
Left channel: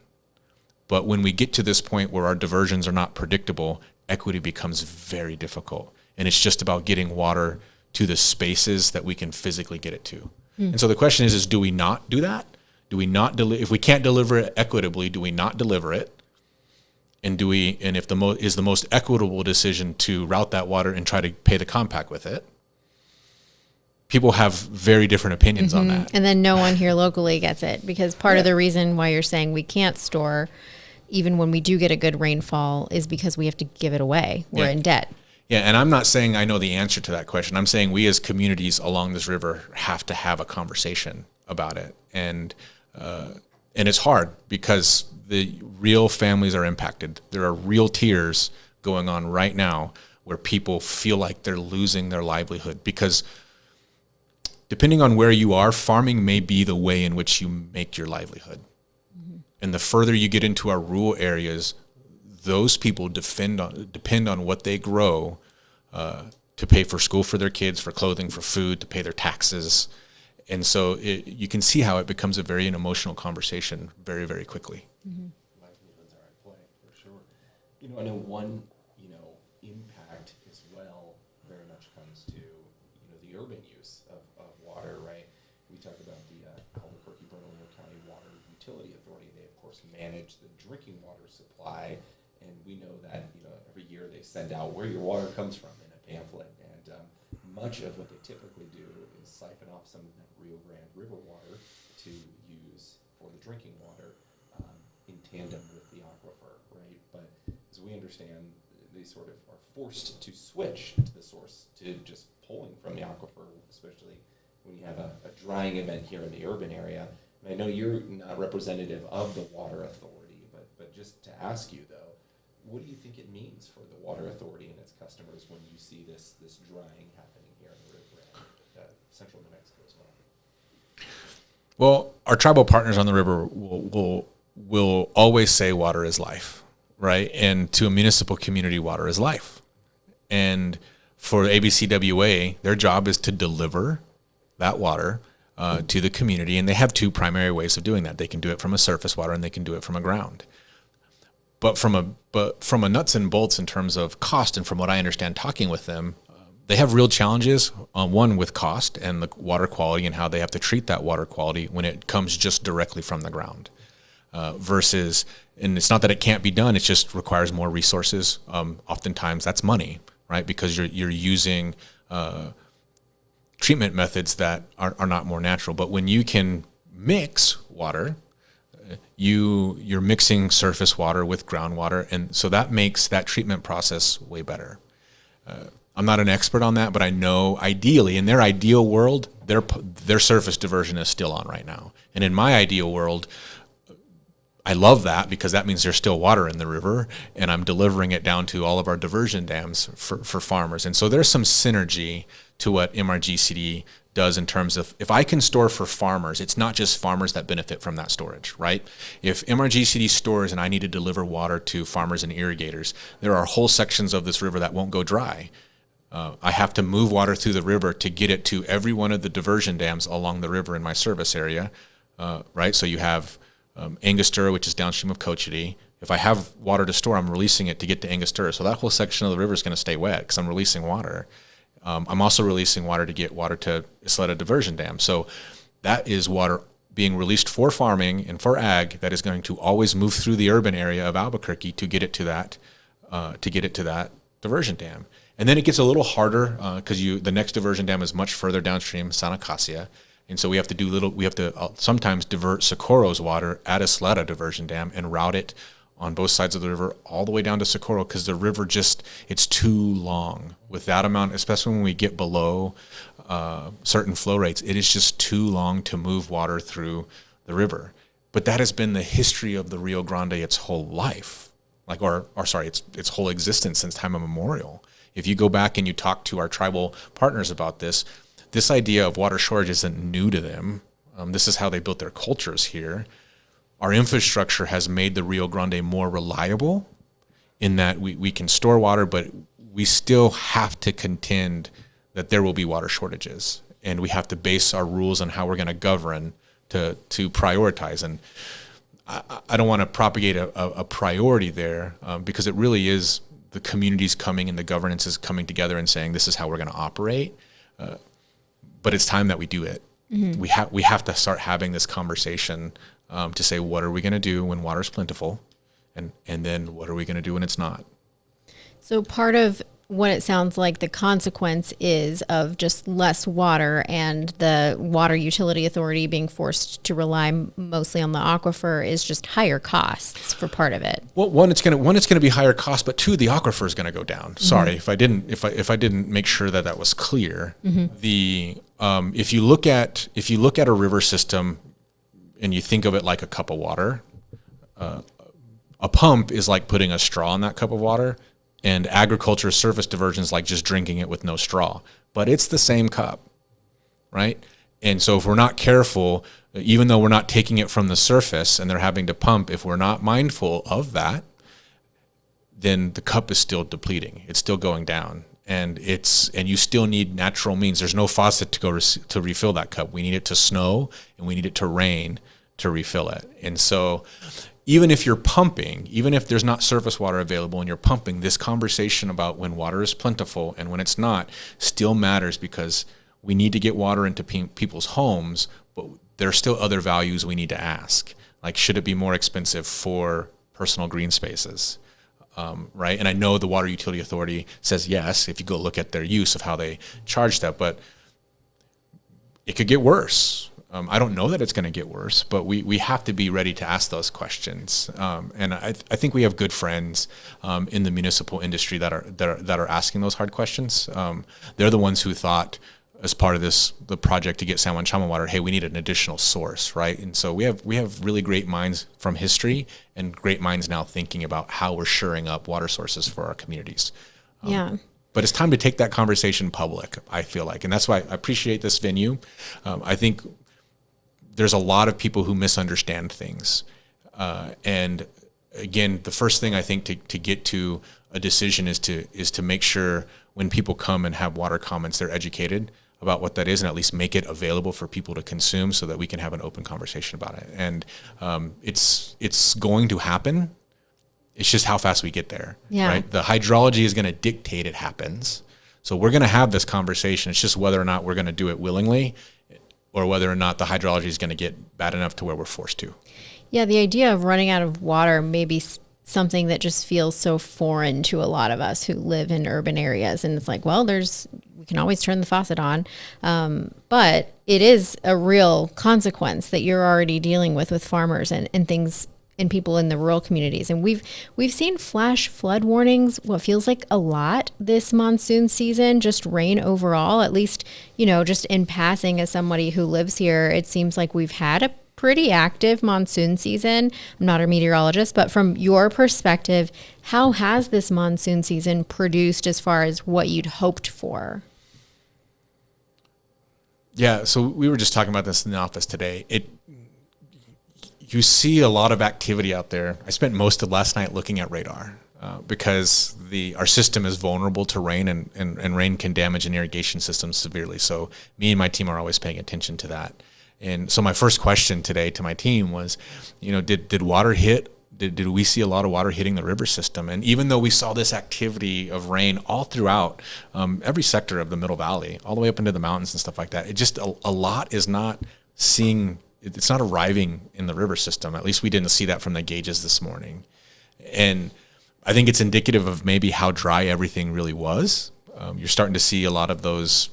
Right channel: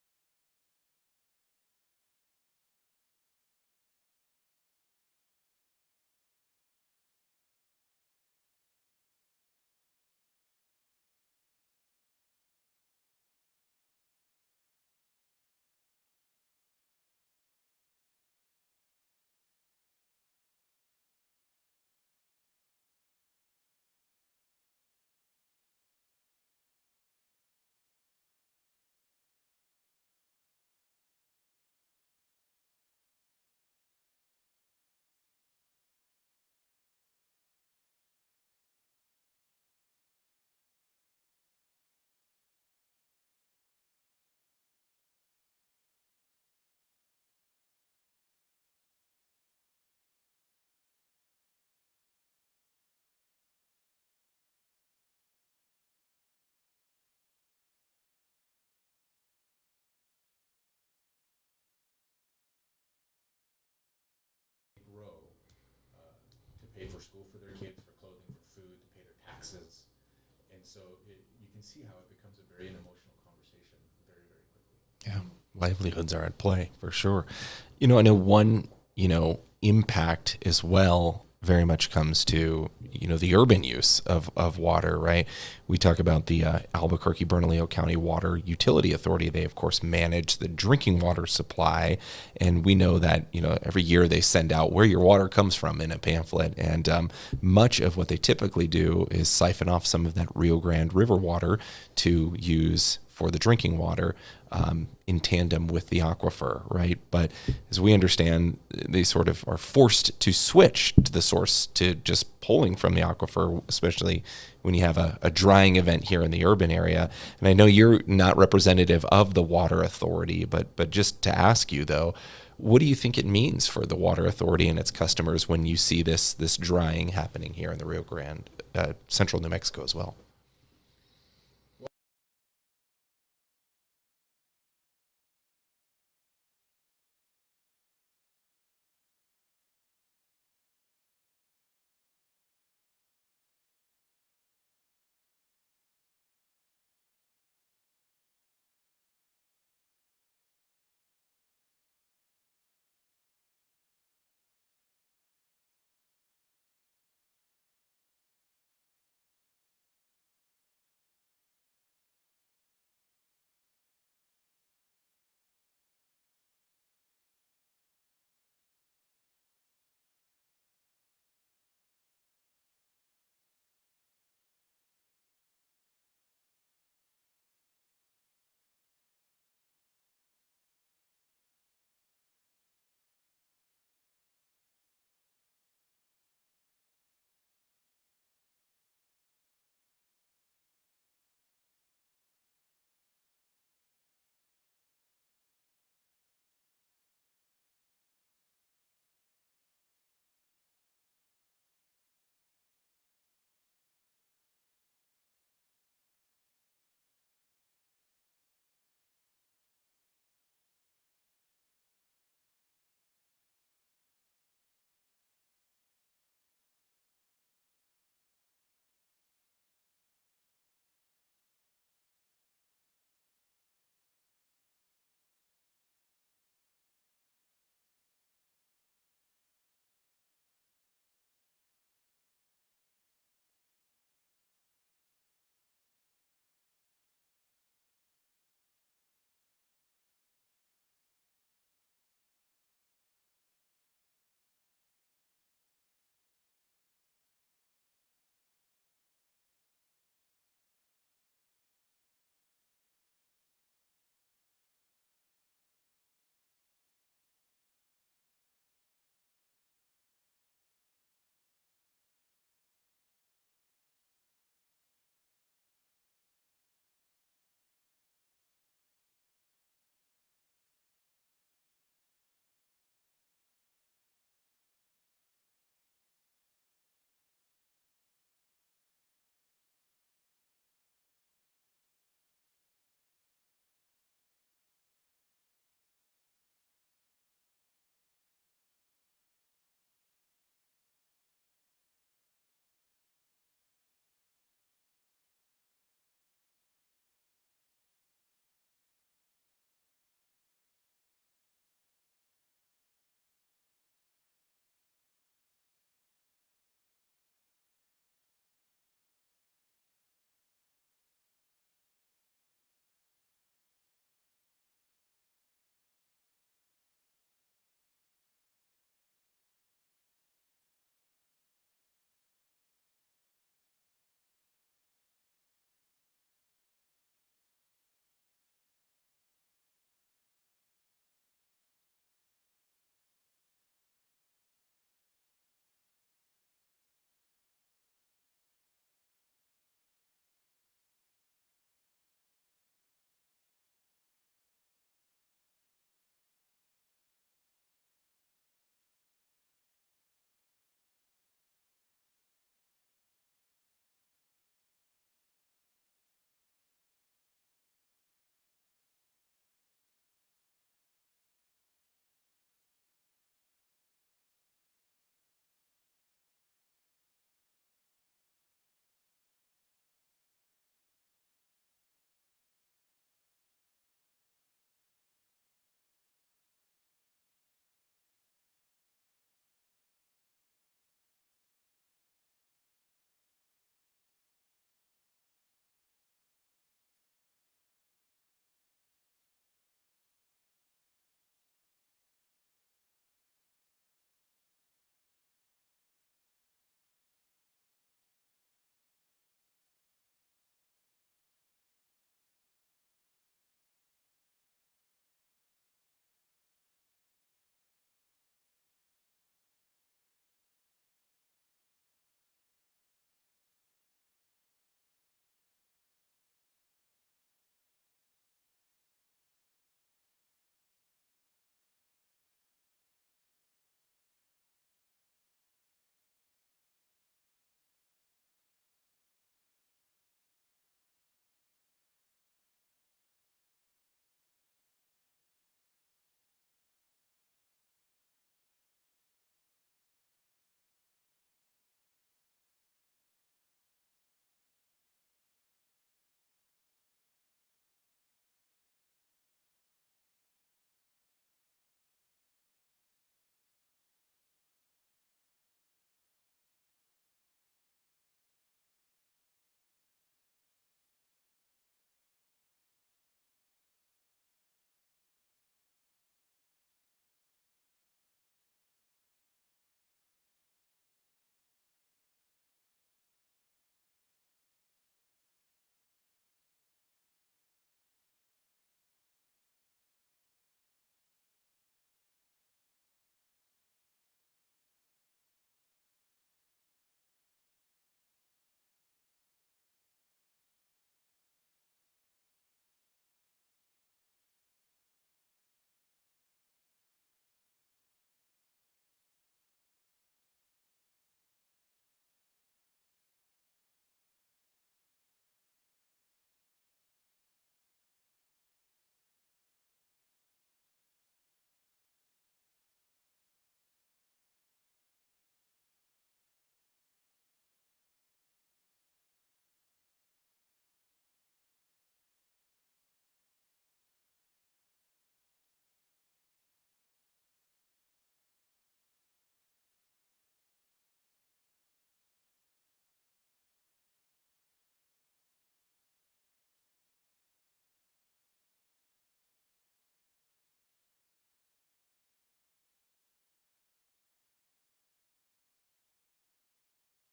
But when we get to this point where our diversions are not predictable, equity becomes very difficult. And it's just about getting water to the spaces that we can physically get it to. And so the question is do we not do that? Do we not if we can't deliver it equitably, do we not deliver it? And if the most equitable decision to route that water and try to pay the compact with it? People have very different opinions on that. And then no one here locally gets it, because part of the reason why you're saying we can't store, even when we do get a good rainfall, is because we have to give it away. We're in debt. Yeah, and I'm not saying I know the answer to that question. I'm saying we as communities along this river have to have a conversation about it. And And it's hard because the real families are impacted. There are real tears going on right now where people feel like they're losing their livelihood because depending on where you are, farming may be the way in which you make your livelihood. Mm-hmm. And the further you get into our rural areas, those people depend on what they grow to pay for school for their kids, for clothing, for food, to pay their taxes. And so you can see how it becomes a very emotional conversation very, very quickly. Yeah, livelihoods are at play for sure. I know one, impact as well very much comes to, the urban use of water, right? We talk about the Albuquerque-Bernalillo County Water Utility Authority. They, of course, manage the drinking water supply. And we know that, every year they send out where your water comes from in a pamphlet. And much of what they typically do is siphon off some of that Rio Grande River water to use for the drinking water in tandem with the aquifer, right? But as we understand, they sort of are forced to switch to the source to just pulling from the aquifer, especially when you have a drying event here in the urban area. And I know you're not representative of the water authority, but just to ask you though, what do you think it means for the water authority and its customers when you see this drying happening here in the Rio Grande, central New Mexico as well? Well, our tribal partners on the river will always say water is life, right? And to a municipal community, water is life. And for ABCWA, their job is to deliver that water to the community. And they have two primary ways of doing that. They can do it from a surface water and they can do it from a ground. But from a nuts and bolts in terms of cost, and from what I understand talking with them, they have real challenges, one with cost and the water quality and how they have to treat that water quality when it comes just directly from the ground versus, and it's not that it can't be done, it just requires more resources. Oftentimes that's money, right? Because you're using treatment methods that are not more natural. But when you can mix water, you're mixing surface water with groundwater, and so that makes that treatment process way better. I'm not an expert on that, but I know ideally, in their ideal world, their surface diversion is still on right now. And in my ideal world, I love that because that means there's still water in the river, and I'm delivering it down to all of our diversion dams for farmers. And so there's some synergy to what MRGCD does in terms of, if I can store for farmers, it's not just farmers that benefit from that storage, right? If MRGCD stores and I need to deliver water to farmers and irrigators, there are whole sections of this river that won't go dry. I have to move water through the river to get it to every one of the diversion dams along the river in my service area, right? So you have Angostura, which is downstream of Cochiti. If I have water to store, I'm releasing it to get to Angostura. So that whole section of the river is going to stay wet because I'm releasing water. I'm also releasing water to get water to Isleta Diversion Dam. So that is water being released for farming and for ag that is going to always move through the urban area of Albuquerque to get it to that diversion dam. And then it gets a little harder because the next diversion dam is much further downstream, San Acacia. And so we have to sometimes divert Socorro's water at Isleta Diversion Dam and route it on both sides of the river all the way down to Socorro because the river it's too long. With that amount, especially when we get below certain flow rates, it is just too long to move water through the river. But that has been the history of the Rio Grande its whole life, its whole existence since time immemorial. If you go back and you talk to our tribal partners about this idea of water shortage isn't new to them. This is how they built their cultures here. Our infrastructure has made the Rio Grande more reliable in that we can store water, but we still have to contend that there will be water shortages. And we have to base our rules on how we're going to govern to prioritize. And I don't want to propagate a priority there because it really is the communities coming and the governance is coming together and saying this is how we're going to operate. But it's time that we do it. Mm-hmm. We have to start having this conversation to say, what are we going to do when water is plentiful? And then what are we going to do when it's not? So part of what it sounds like the consequence is of just less water and the water utility authority being forced to rely mostly on the aquifer is just higher costs for part of it. Well, one, it's going to be higher cost, but two, the aquifer is going to go down. Mm-hmm. Sorry if I didn't make sure that was clear. Mm-hmm. If you look at a river system, and you think of it like a cup of water, a pump is like putting a straw in that cup of water, and agriculture surface diversion is like just drinking it with no straw. But it's the same cup, right? And so if we're not careful, even though we're not taking it from the surface and they're having to pump, if we're not mindful of that, then the cup is still depleting. It's still going down. And you still need natural means. There's no faucet to go to refill that cup. We need it to snow and we need it to rain to refill it. And so even if you're pumping, even if there's not surface water available and you're pumping, this conversation about when water is plentiful and when it's not still matters, because we need to get water into people's homes, but there are still other values we need to ask. Like, should it be more expensive for personal green spaces? Right? And I know the Water Utility Authority says yes, if you go look at their use of how they charge that, but it could get worse. I don't know that it's going to get worse, but we have to be ready to ask those questions. And I think we have good friends in the municipal industry that are asking those hard questions. They're the ones who thought, as part of the project to get San Juan Chama water, hey, we need an additional source, right? And so we have really great minds from history and great minds now thinking about how we're shoring up water sources for our communities. But it's time to take that conversation public, I feel like. And that's why I appreciate this venue. I think there's a lot of people who misunderstand things. And again, the first thing I think to get to a decision is to make sure when people come and have water comments, they're educated about what that is, and at least make it available for people to consume so that we can have an open conversation about it. And it's going to happen. It's just how fast we get there, right? The hydrology is going to dictate it happens. So we're going to have this conversation. It's just whether or not we're going to do it willingly or whether or not the hydrology is going to get bad enough to where we're forced to. Yeah, the idea of running out of water may be something that just feels so foreign to a lot of us who live in urban areas. And it's like, well, we can always turn the faucet on. But it is a real consequence that you're already dealing with farmers and things and people in the rural communities. And we've seen flash flood warnings, what feels like a lot this monsoon season, just rain overall, at least, just in passing as somebody who lives here, it seems like we've had a pretty active monsoon season. I'm not a meteorologist, but from your perspective, how has this monsoon season produced as far as what you'd hoped for? Yeah, so we were just talking about this in the office today. You see a lot of activity out there. I spent most of last night looking at radar because our system is vulnerable to rain, and rain can damage an irrigation system severely. So me and my team are always paying attention to that. And so my first question today to my team was, did water hit? Did we see a lot of water hitting the river system? And even though we saw this activity of rain all throughout every sector of the Middle Valley, all the way up into the mountains and stuff like that, it just a lot is not it's not arriving in the river system. At least we didn't see that from the gauges this morning. And I think it's indicative of maybe how dry everything really was. You're starting to see a lot of those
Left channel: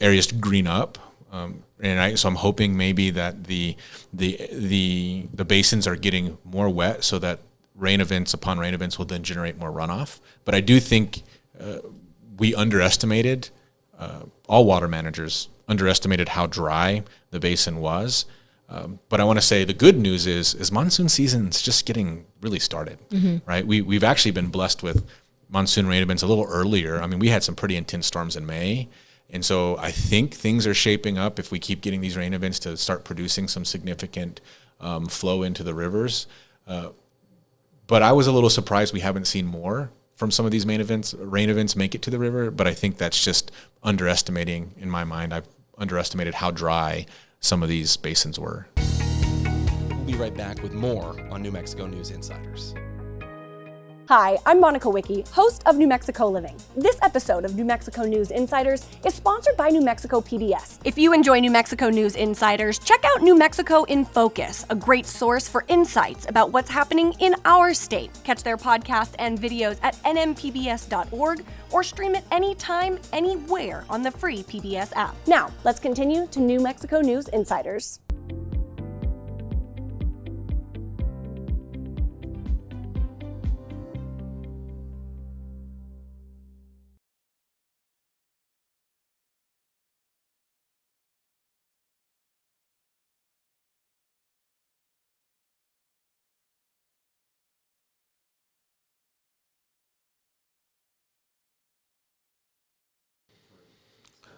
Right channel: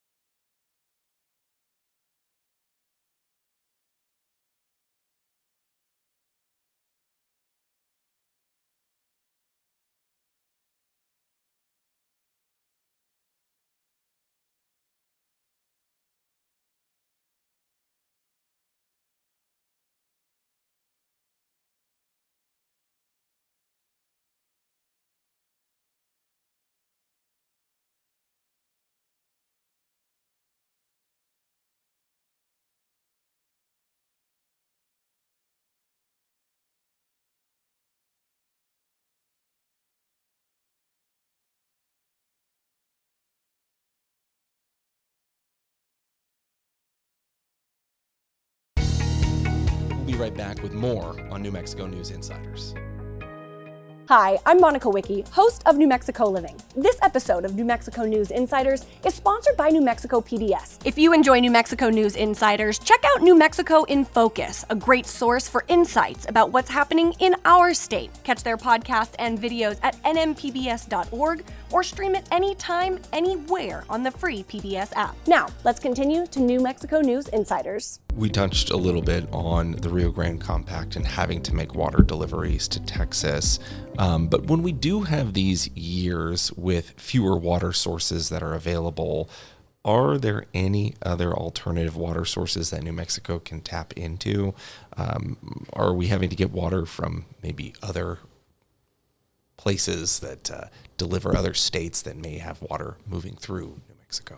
areas green up. So I'm hoping maybe that the basins are getting more wet so that rain events upon rain events will then generate more runoff. But I do think we underestimated, all water managers underestimated how dry the basin was. But I want to say the good news is monsoon season's just getting really started, right? We've actually been blessed with monsoon rain events a little earlier. I mean, we had some pretty intense storms in May. And so I think things are shaping up, if we keep getting these rain events, to start producing some significant flow into the rivers. But I was a little surprised we haven't seen more from some of these rain events make it to the river. But I think that's just underestimating, in my mind. I've underestimated how dry some of these basins were. We'll be right back with more on New Mexico News Insiders. Hi, I'm Monica Wicki, host of New Mexico Living. This episode of New Mexico News Insiders is sponsored by New Mexico PBS. If you enjoy New Mexico News Insiders, check out New Mexico in Focus, a great source for insights about what's happening in our state. Catch their podcasts and videos at nmpbs.org or stream it anytime, anywhere on the free PBS app. Now, let's continue to New Mexico News Insiders. We touched a little bit on the Rio Grande Compact and having to make water deliveries to Texas. But when we do have these years with fewer water sources that are available, Are there any other alternative water sources that New Mexico can tap into? Are we having to get water from maybe other places that deliver other states that may have water moving through New Mexico?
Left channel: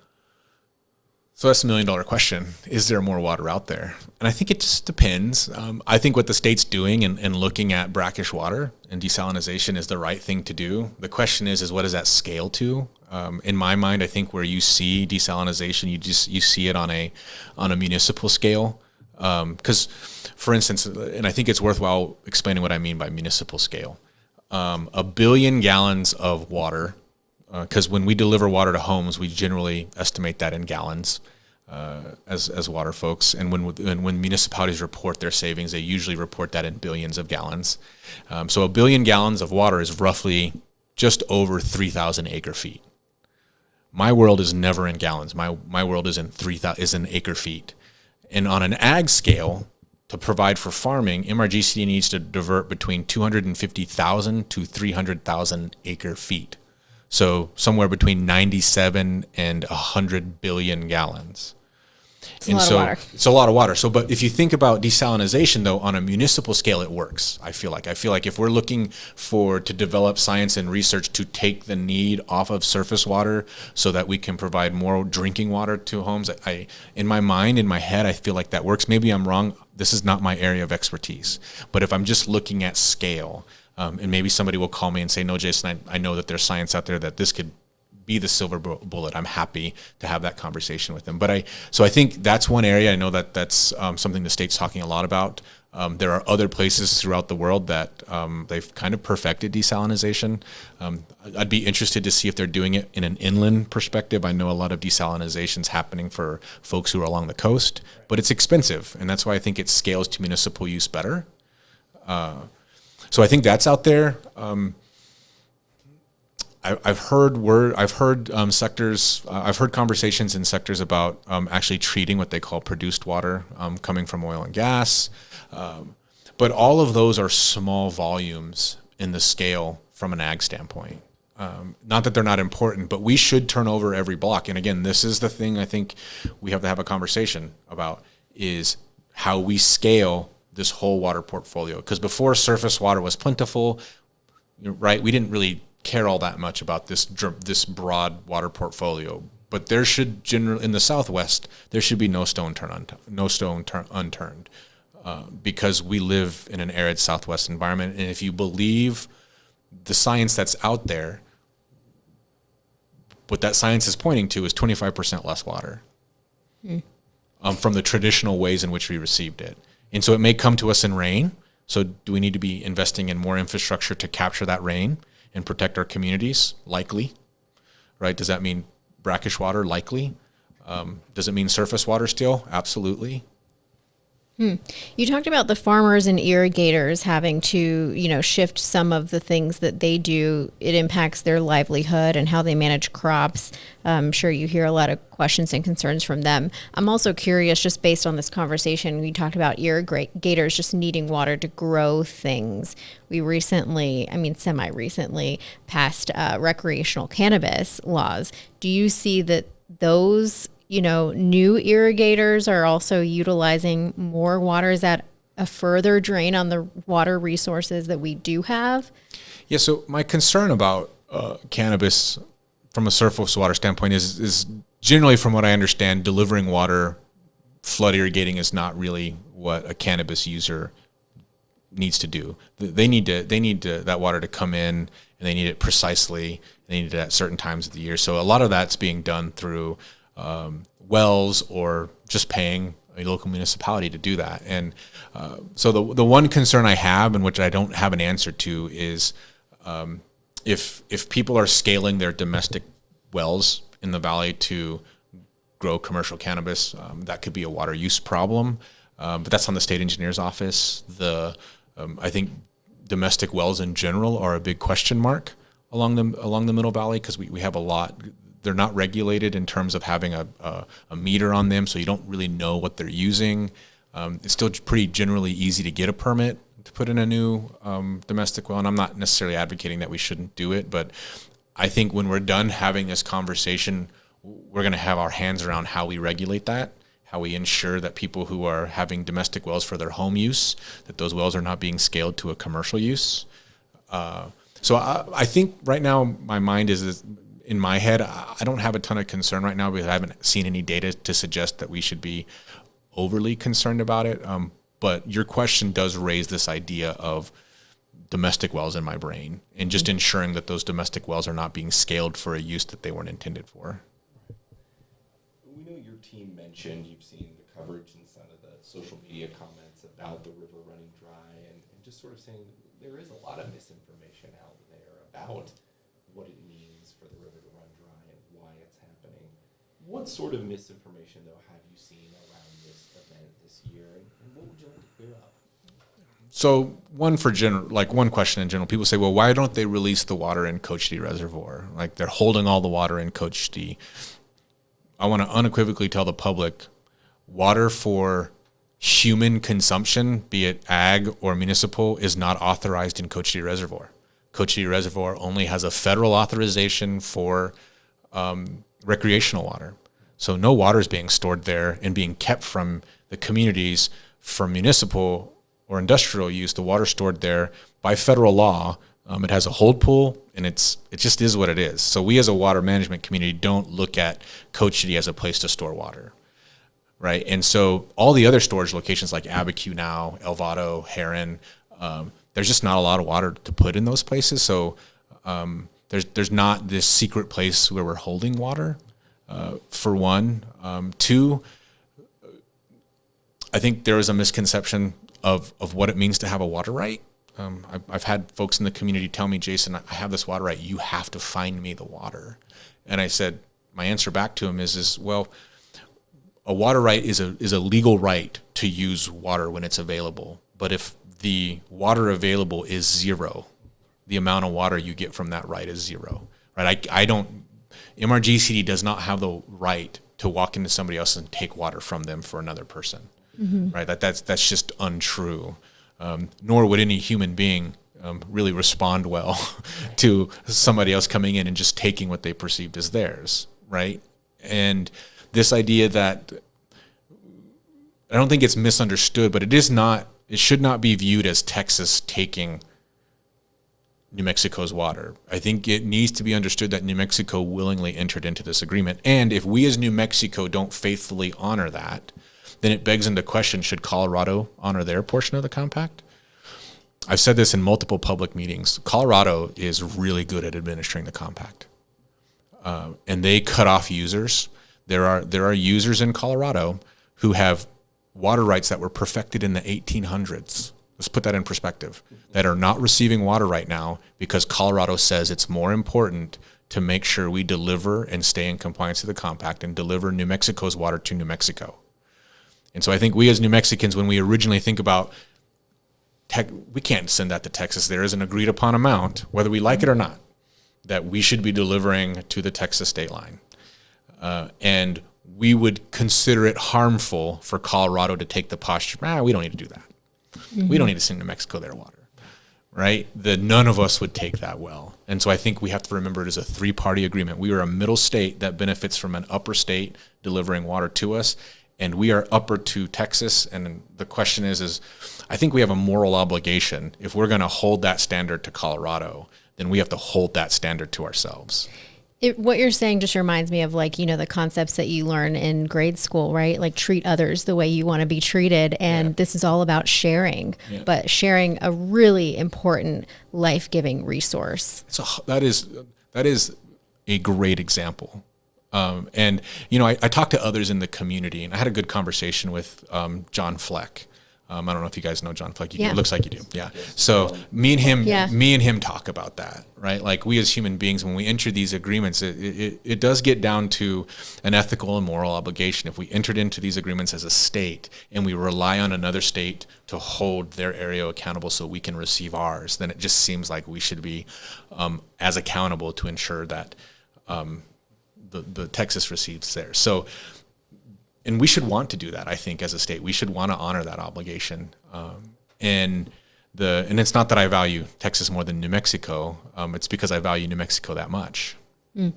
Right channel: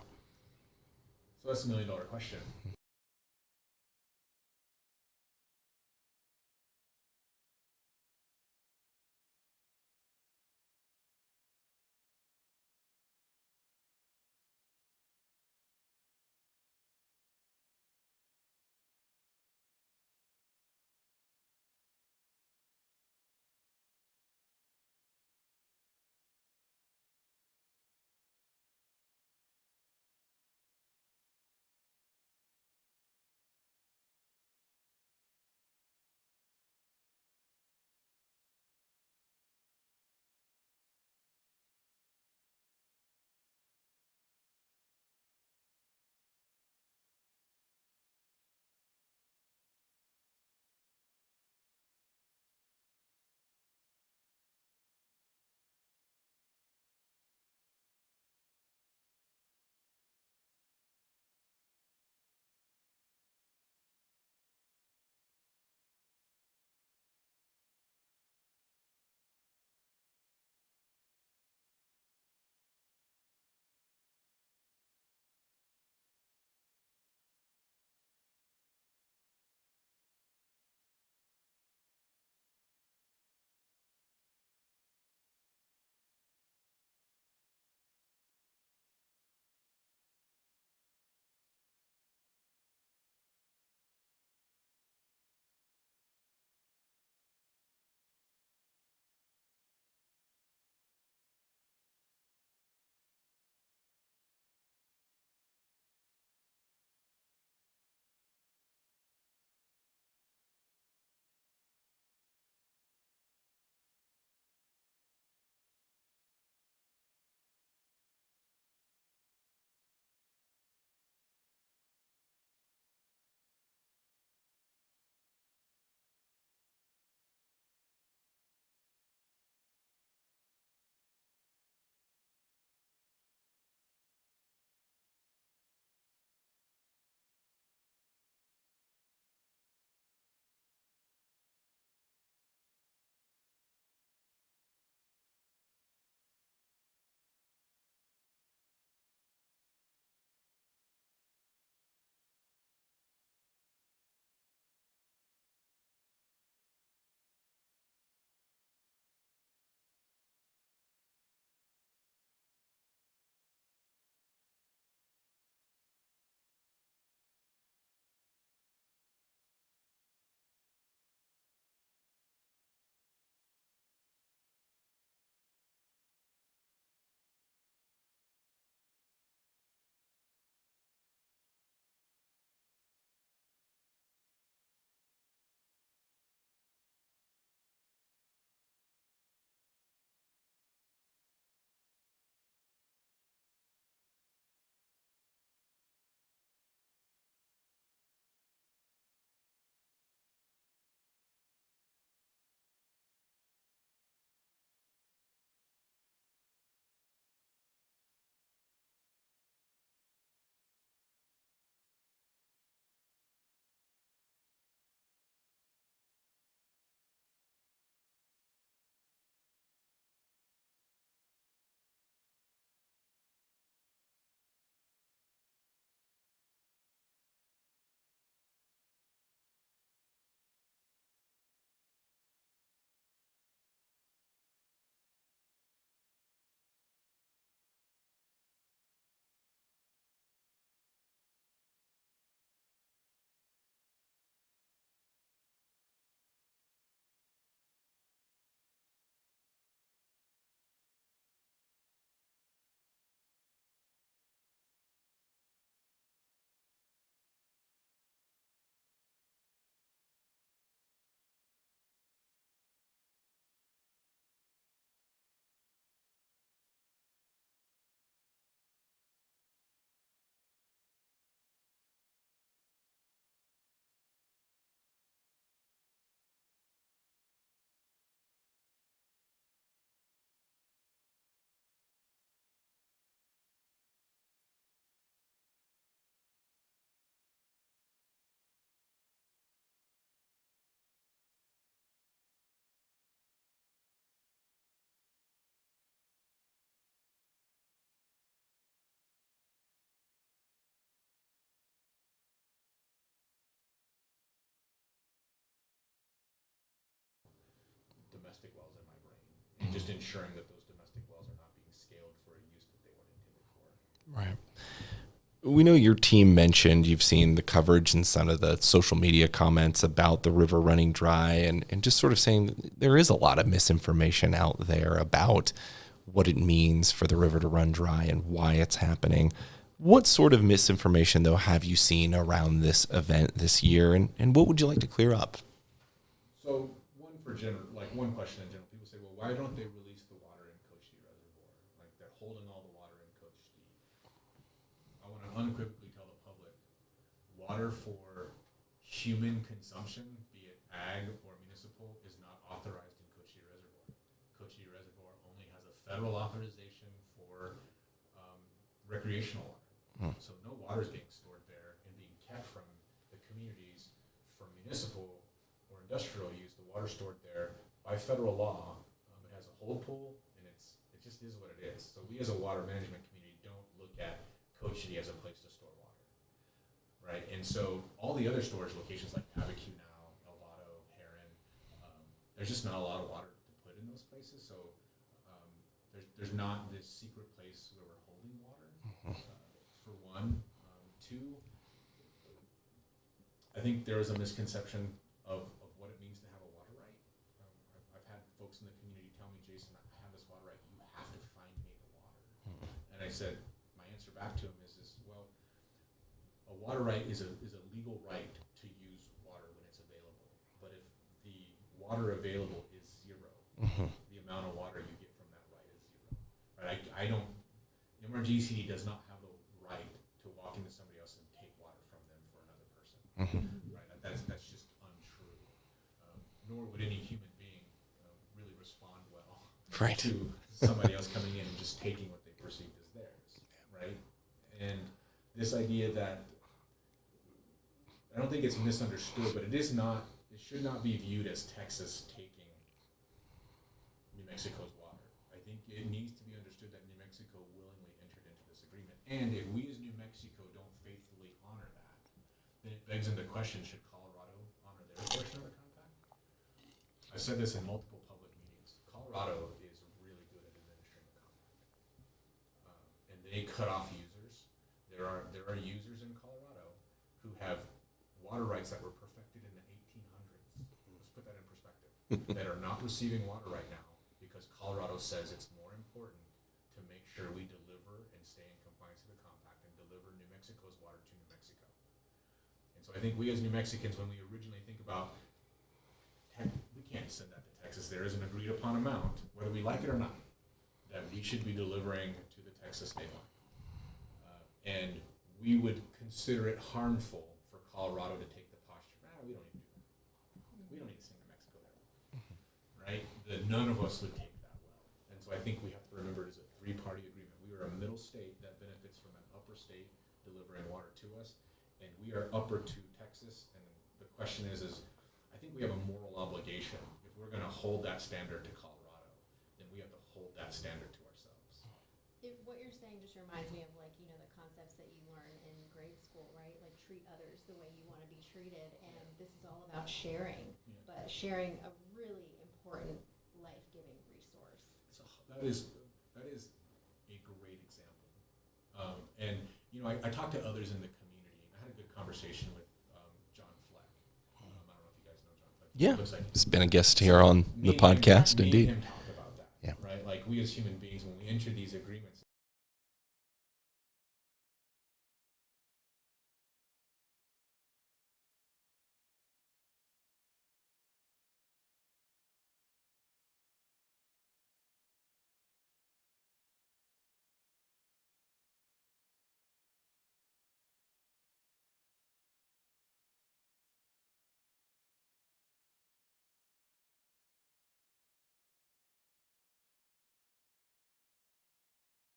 So that's $1 million question. Is there more water out there? And I think it just depends. I think what the state's doing and looking at brackish water and desalinization is the right thing to do. The question is what does that scale to? In my mind, I think where you see desalinization, you see it on a municipal scale. Because, for instance, and I think it's worthwhile explaining what I mean by municipal scale. 1 billion gallons of water, because when we deliver water to homes, we generally estimate that in gallons as water folks. And when municipalities report their savings, they usually report that in billions of gallons. So 1 billion gallons of water is roughly just over 3,000 acre feet. My world is never in gallons. My world is in acre feet. And on an ag scale, to provide for farming, MRGCD needs to divert between 250,000 to 300,000 acre feet. So somewhere between 97 and 100 billion gallons. It's a lot of water. It's a lot of water. So, but if you think about desalinization, though, on a municipal scale, it works. I feel like if we're looking to develop science and research to take the need off of surface water so that we can provide more drinking water to homes, in my mind, in my head, I feel like that works. Maybe I'm wrong. This is not my area of expertise. But if I'm just looking at scale, and maybe somebody will call me and say, no, Jason, I know that there's science out there that this could be the silver bullet. I'm happy to have that conversation with them. So I think that's one area. I know that that's something the state's talking a lot about. There are other places throughout the world that they've kind of perfected desalinization. I'd be interested to see if they're doing it in an inland perspective. I know a lot of desalinization's happening for folks who are along the coast, but it's expensive, and that's why I think it scales to municipal use better. So I think that's out there. I've heard conversations in sectors about actually treating what they call produced water coming from oil and gas. But all of those are small volumes in the scale from an ag standpoint. Not that they're not important, but we should turn over every block. And again, this is the thing I think we have to have a conversation about, is how we scale this whole water portfolio. Because before surface water was plentiful, right, we didn't really care all that much about this broad water portfolio. But there should generally, in the Southwest, there should be no stone unturned, because we live in an arid Southwest environment. And if you believe the science that's out there, what that science is pointing to is 25% less water from the traditional ways in which we received it. And so it may come to us in rain. So do we need to be investing in more infrastructure to capture that rain and protect our communities? Likely, right? Does that mean brackish water? Likely. Does it mean surface water still? Absolutely. You talked about the farmers and irrigators having to, shift some of the things that they do. It impacts their livelihood and how they manage crops. I'm sure you hear a lot of questions and concerns from them. I'm also curious, just based on this conversation, we talked about irrigators just needing water to grow things. We semi-recently passed recreational cannabis laws. Do you see that those new irrigators are also utilizing more water? Is that a further drain on the water resources that we do have? Yeah, so my concern about cannabis from a surface water standpoint is generally, from what I understand, delivering water, flood irrigating is not really what a cannabis user needs to do. They need that water to come in, and they need it precisely. They need it at certain times of the year. So a lot of that's being done through wells, or just paying a local municipality to do that. And so the one concern I have, and which I don't have an answer to, is if people are scaling their domestic wells in the valley to grow commercial cannabis, that could be a water use problem. But that's on the state engineer's office. I think domestic wells in general are a big question mark along the Middle Valley, because we have a lot. They're not regulated in terms of having a meter on them, so you don't really know what they're using. It's still pretty generally easy to get a permit to put in a new domestic well, and I'm not necessarily advocating that we shouldn't do it, but I think when we're done having this conversation, we're going to have our hands around how we regulate that, how we ensure that people who are having domestic wells for their home use, that those wells are not being scaled to a commercial use. So I think right now my mind is in my head, I don't have a ton of concern right now because I haven't seen any data to suggest that we should be overly concerned about it. But your question does raise this idea of domestic wells in my brain and just ensuring that those domestic wells are not being scaled for a use that they weren't intended for. Right. We know your team mentioned you've seen the coverage and some of the social media comments about the river running dry and just sort of saying there is a lot of misinformation out there about what it means for the river to run dry and why it's happening. What sort of misinformation, though, have you seen around this event this year, and what would you like to clear up? So one question in general, people say, well, why don't they release the water in Cochiti Reservoir? Like they're holding all the water in Cochiti. I want to unequivocally tell the public, water for human consumption, be it ag or municipal, is not authorized in Cochiti Reservoir. Cochiti Reservoir only has a federal authorization for recreational water. So no water is being stored there and being kept from the communities for municipal or industrial use. The water stored there by federal law. It has a hold pool, and it just is what it is. So we as a water management community don't look at Cochiti as a place to store water, right? And so all the other storage locations like Abiquiu now, Elvado, Heron, there's just not a lot of water to put in those places. So there's not this secret place where we're holding water, for one. Two, I think there is a misconception of what it means to have a water right. I've had folks in the community tell me, Jason, I have this water right. You have to find me the water. And I said, my answer back to him is well, a water right is a legal right to use water when it's available. But if the water available is zero, the amount of water you get from that right is zero, right? MRGCD does not have the right to walk into somebody else and take water from them for another person, right? That's just untrue. Nor would any human being really respond well to somebody else coming in and just taking what they perceived as theirs, right? And this idea that, I don't think it's misunderstood, but it should not be viewed as Texas taking New Mexico's water. I think it needs to be understood that New Mexico willingly entered into this agreement. And if we as New Mexico don't faithfully honor that, then it begs into question, should Colorado honor their portion of the compact? I've said this in multiple public meetings. Colorado is really good at administering the compact. And they cut off users. There are users in Colorado who have water rights that were perfected in the 1800s. Let's put that in perspective, that are not receiving water right now because Colorado says it's more important to make sure we deliver and stay in compliance with the compact and deliver New Mexico's water to New Mexico. And so I think we as New Mexicans, when we originally think about we can't send that to Texas. There is an agreed upon amount, whether we like it or not, that we should be delivering to the Texas state line. And we would consider it harmful for Colorado to take the posture, we don't need to do that. We don't need to send New Mexico their water, right? None of us would take that well. And so I think we have to remember it is a three-party agreement. We are a middle state that benefits from an upper state delivering water to us, and we are upper to Texas. And the question is I think we have a moral obligation. If we're going to hold that standard to Colorado, then we have to hold that standard to ourselves. What you're saying just reminds me of the concepts that you learn in grade school, right? Like treat others the way you want to be treated. And this is all about sharing, but sharing a really important life-giving resource. So that is a great example. And, I talked to others in the community, and I had a good conversation with John Fleck. I don't know if you guys know John Fleck. It looks like you do. Yeah. Guest so me and him talk about that, right? Like we as human beings, when we enter these agreements, it does get down to an ethical and moral obligation. If we entered into these agreements as a state and we rely on another state to hold their area accountable so we can receive ours, then it just seems like we should be as accountable to ensure that the Texas receives theirs. So. And we should want to do that, I think, as a state. We should want to honor that obligation. And it's not that I value Texas more than New Mexico. It's because I value New Mexico that much. And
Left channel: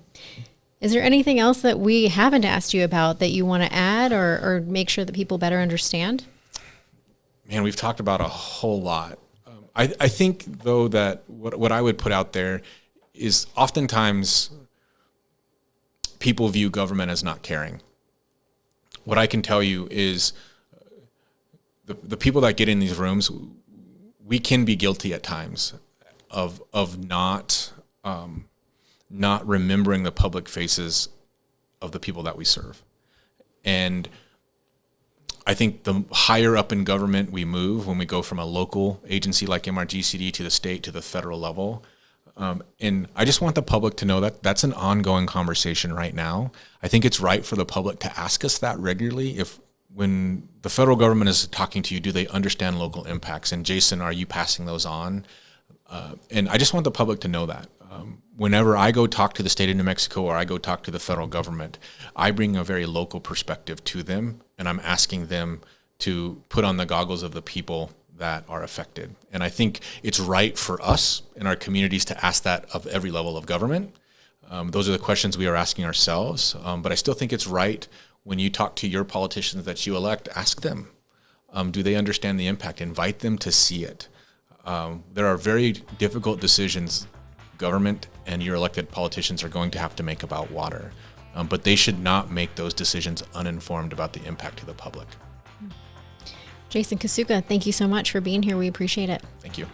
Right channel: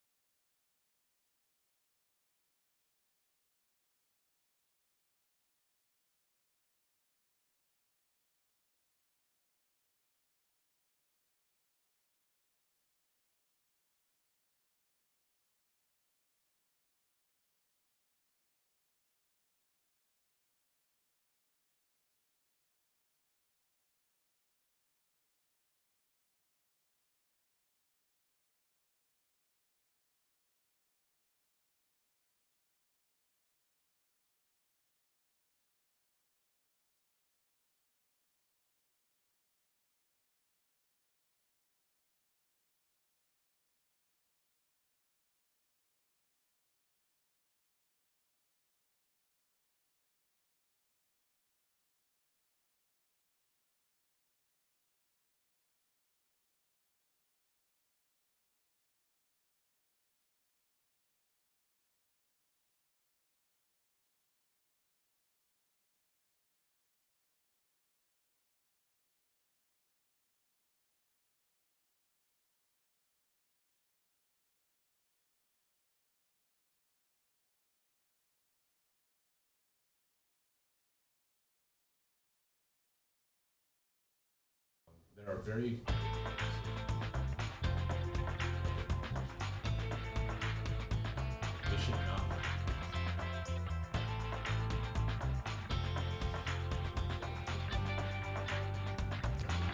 Is there anything else that we haven't asked you about that you want to add or make sure that people better understand? Man, we've talked about a whole lot. I think, though, that what I would put out there is oftentimes people view government as not caring. What I can tell you is the people that get in these rooms, we can be guilty at times of not remembering the public faces of the people that we serve. And I think the higher up in government we move, when we go from a local agency like MRGCD to the state to the federal level, and I just want the public to know that that's an ongoing conversation right now. I think it's right for the public to ask us that regularly. When the federal government is talking to you, do they understand local impacts? And Jason, are you passing those on? And I just want the public to know that. Whenever I go talk to the state of New Mexico or I go talk to the federal government, I bring a very local perspective to them, and I'm asking them to put on the goggles of the people that are affected. And I think it's right for us in our communities to ask that of every level of government. Those are the questions we are asking ourselves. But I still think it's right when you talk to your politicians that you elect, ask them, do they understand the impact? Invite them to see it. There are very difficult decisions government and your elected politicians are going to have to make about water. But they should not make those decisions uninformed about the impact to the public. Jason Casuga, thank you so much for being here. We appreciate it. Thank you.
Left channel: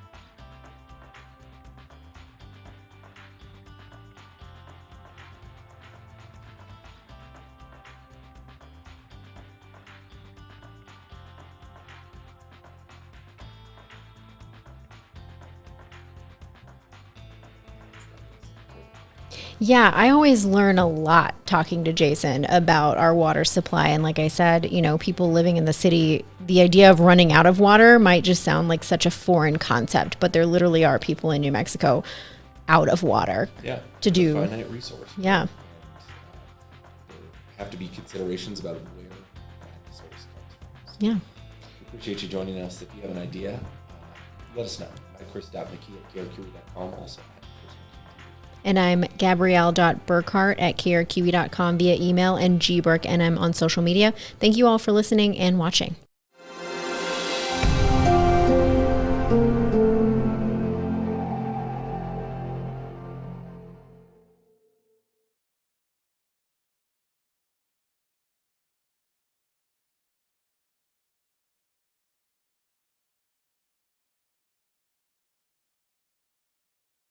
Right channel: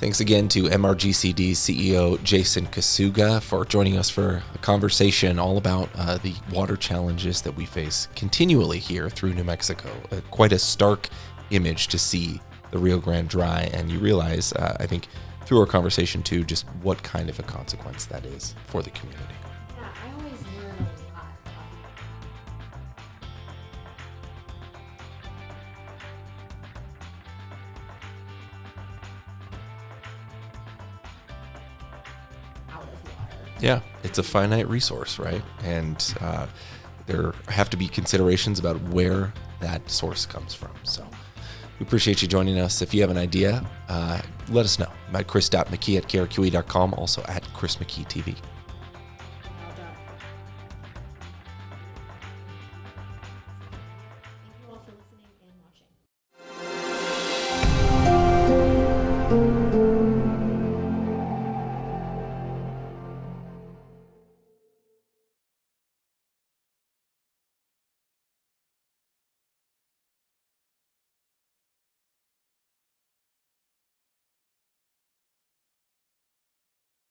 Thanks again to MRGCD CEO Jason Casuga for joining us for a conversation all about the water challenges that we face continually here through New Mexico. Quite a stark image to see the Rio Grande dry, and you realize, I think, through our conversation too, just what kind of a consequence that is for the community. Yeah, I always learn a lot talking to Jason about our water supply. And like I said, people living in the city, the idea of running out of water might just sound like such a foreign concept, but there literally are people in New Mexico out of water. Yeah, it's a finite resource, right? Yeah. And there have to be considerations about where that source comes from. So yeah. We appreciate you joining us. If you have an idea, let us know. I'm at chris.mckee@krqe.com, also at Chris McKee TV. And I'm Gabrielle.Burkhart at krqe.com via email, and gburk, and I'm on social media. Thank you all for listening and watching.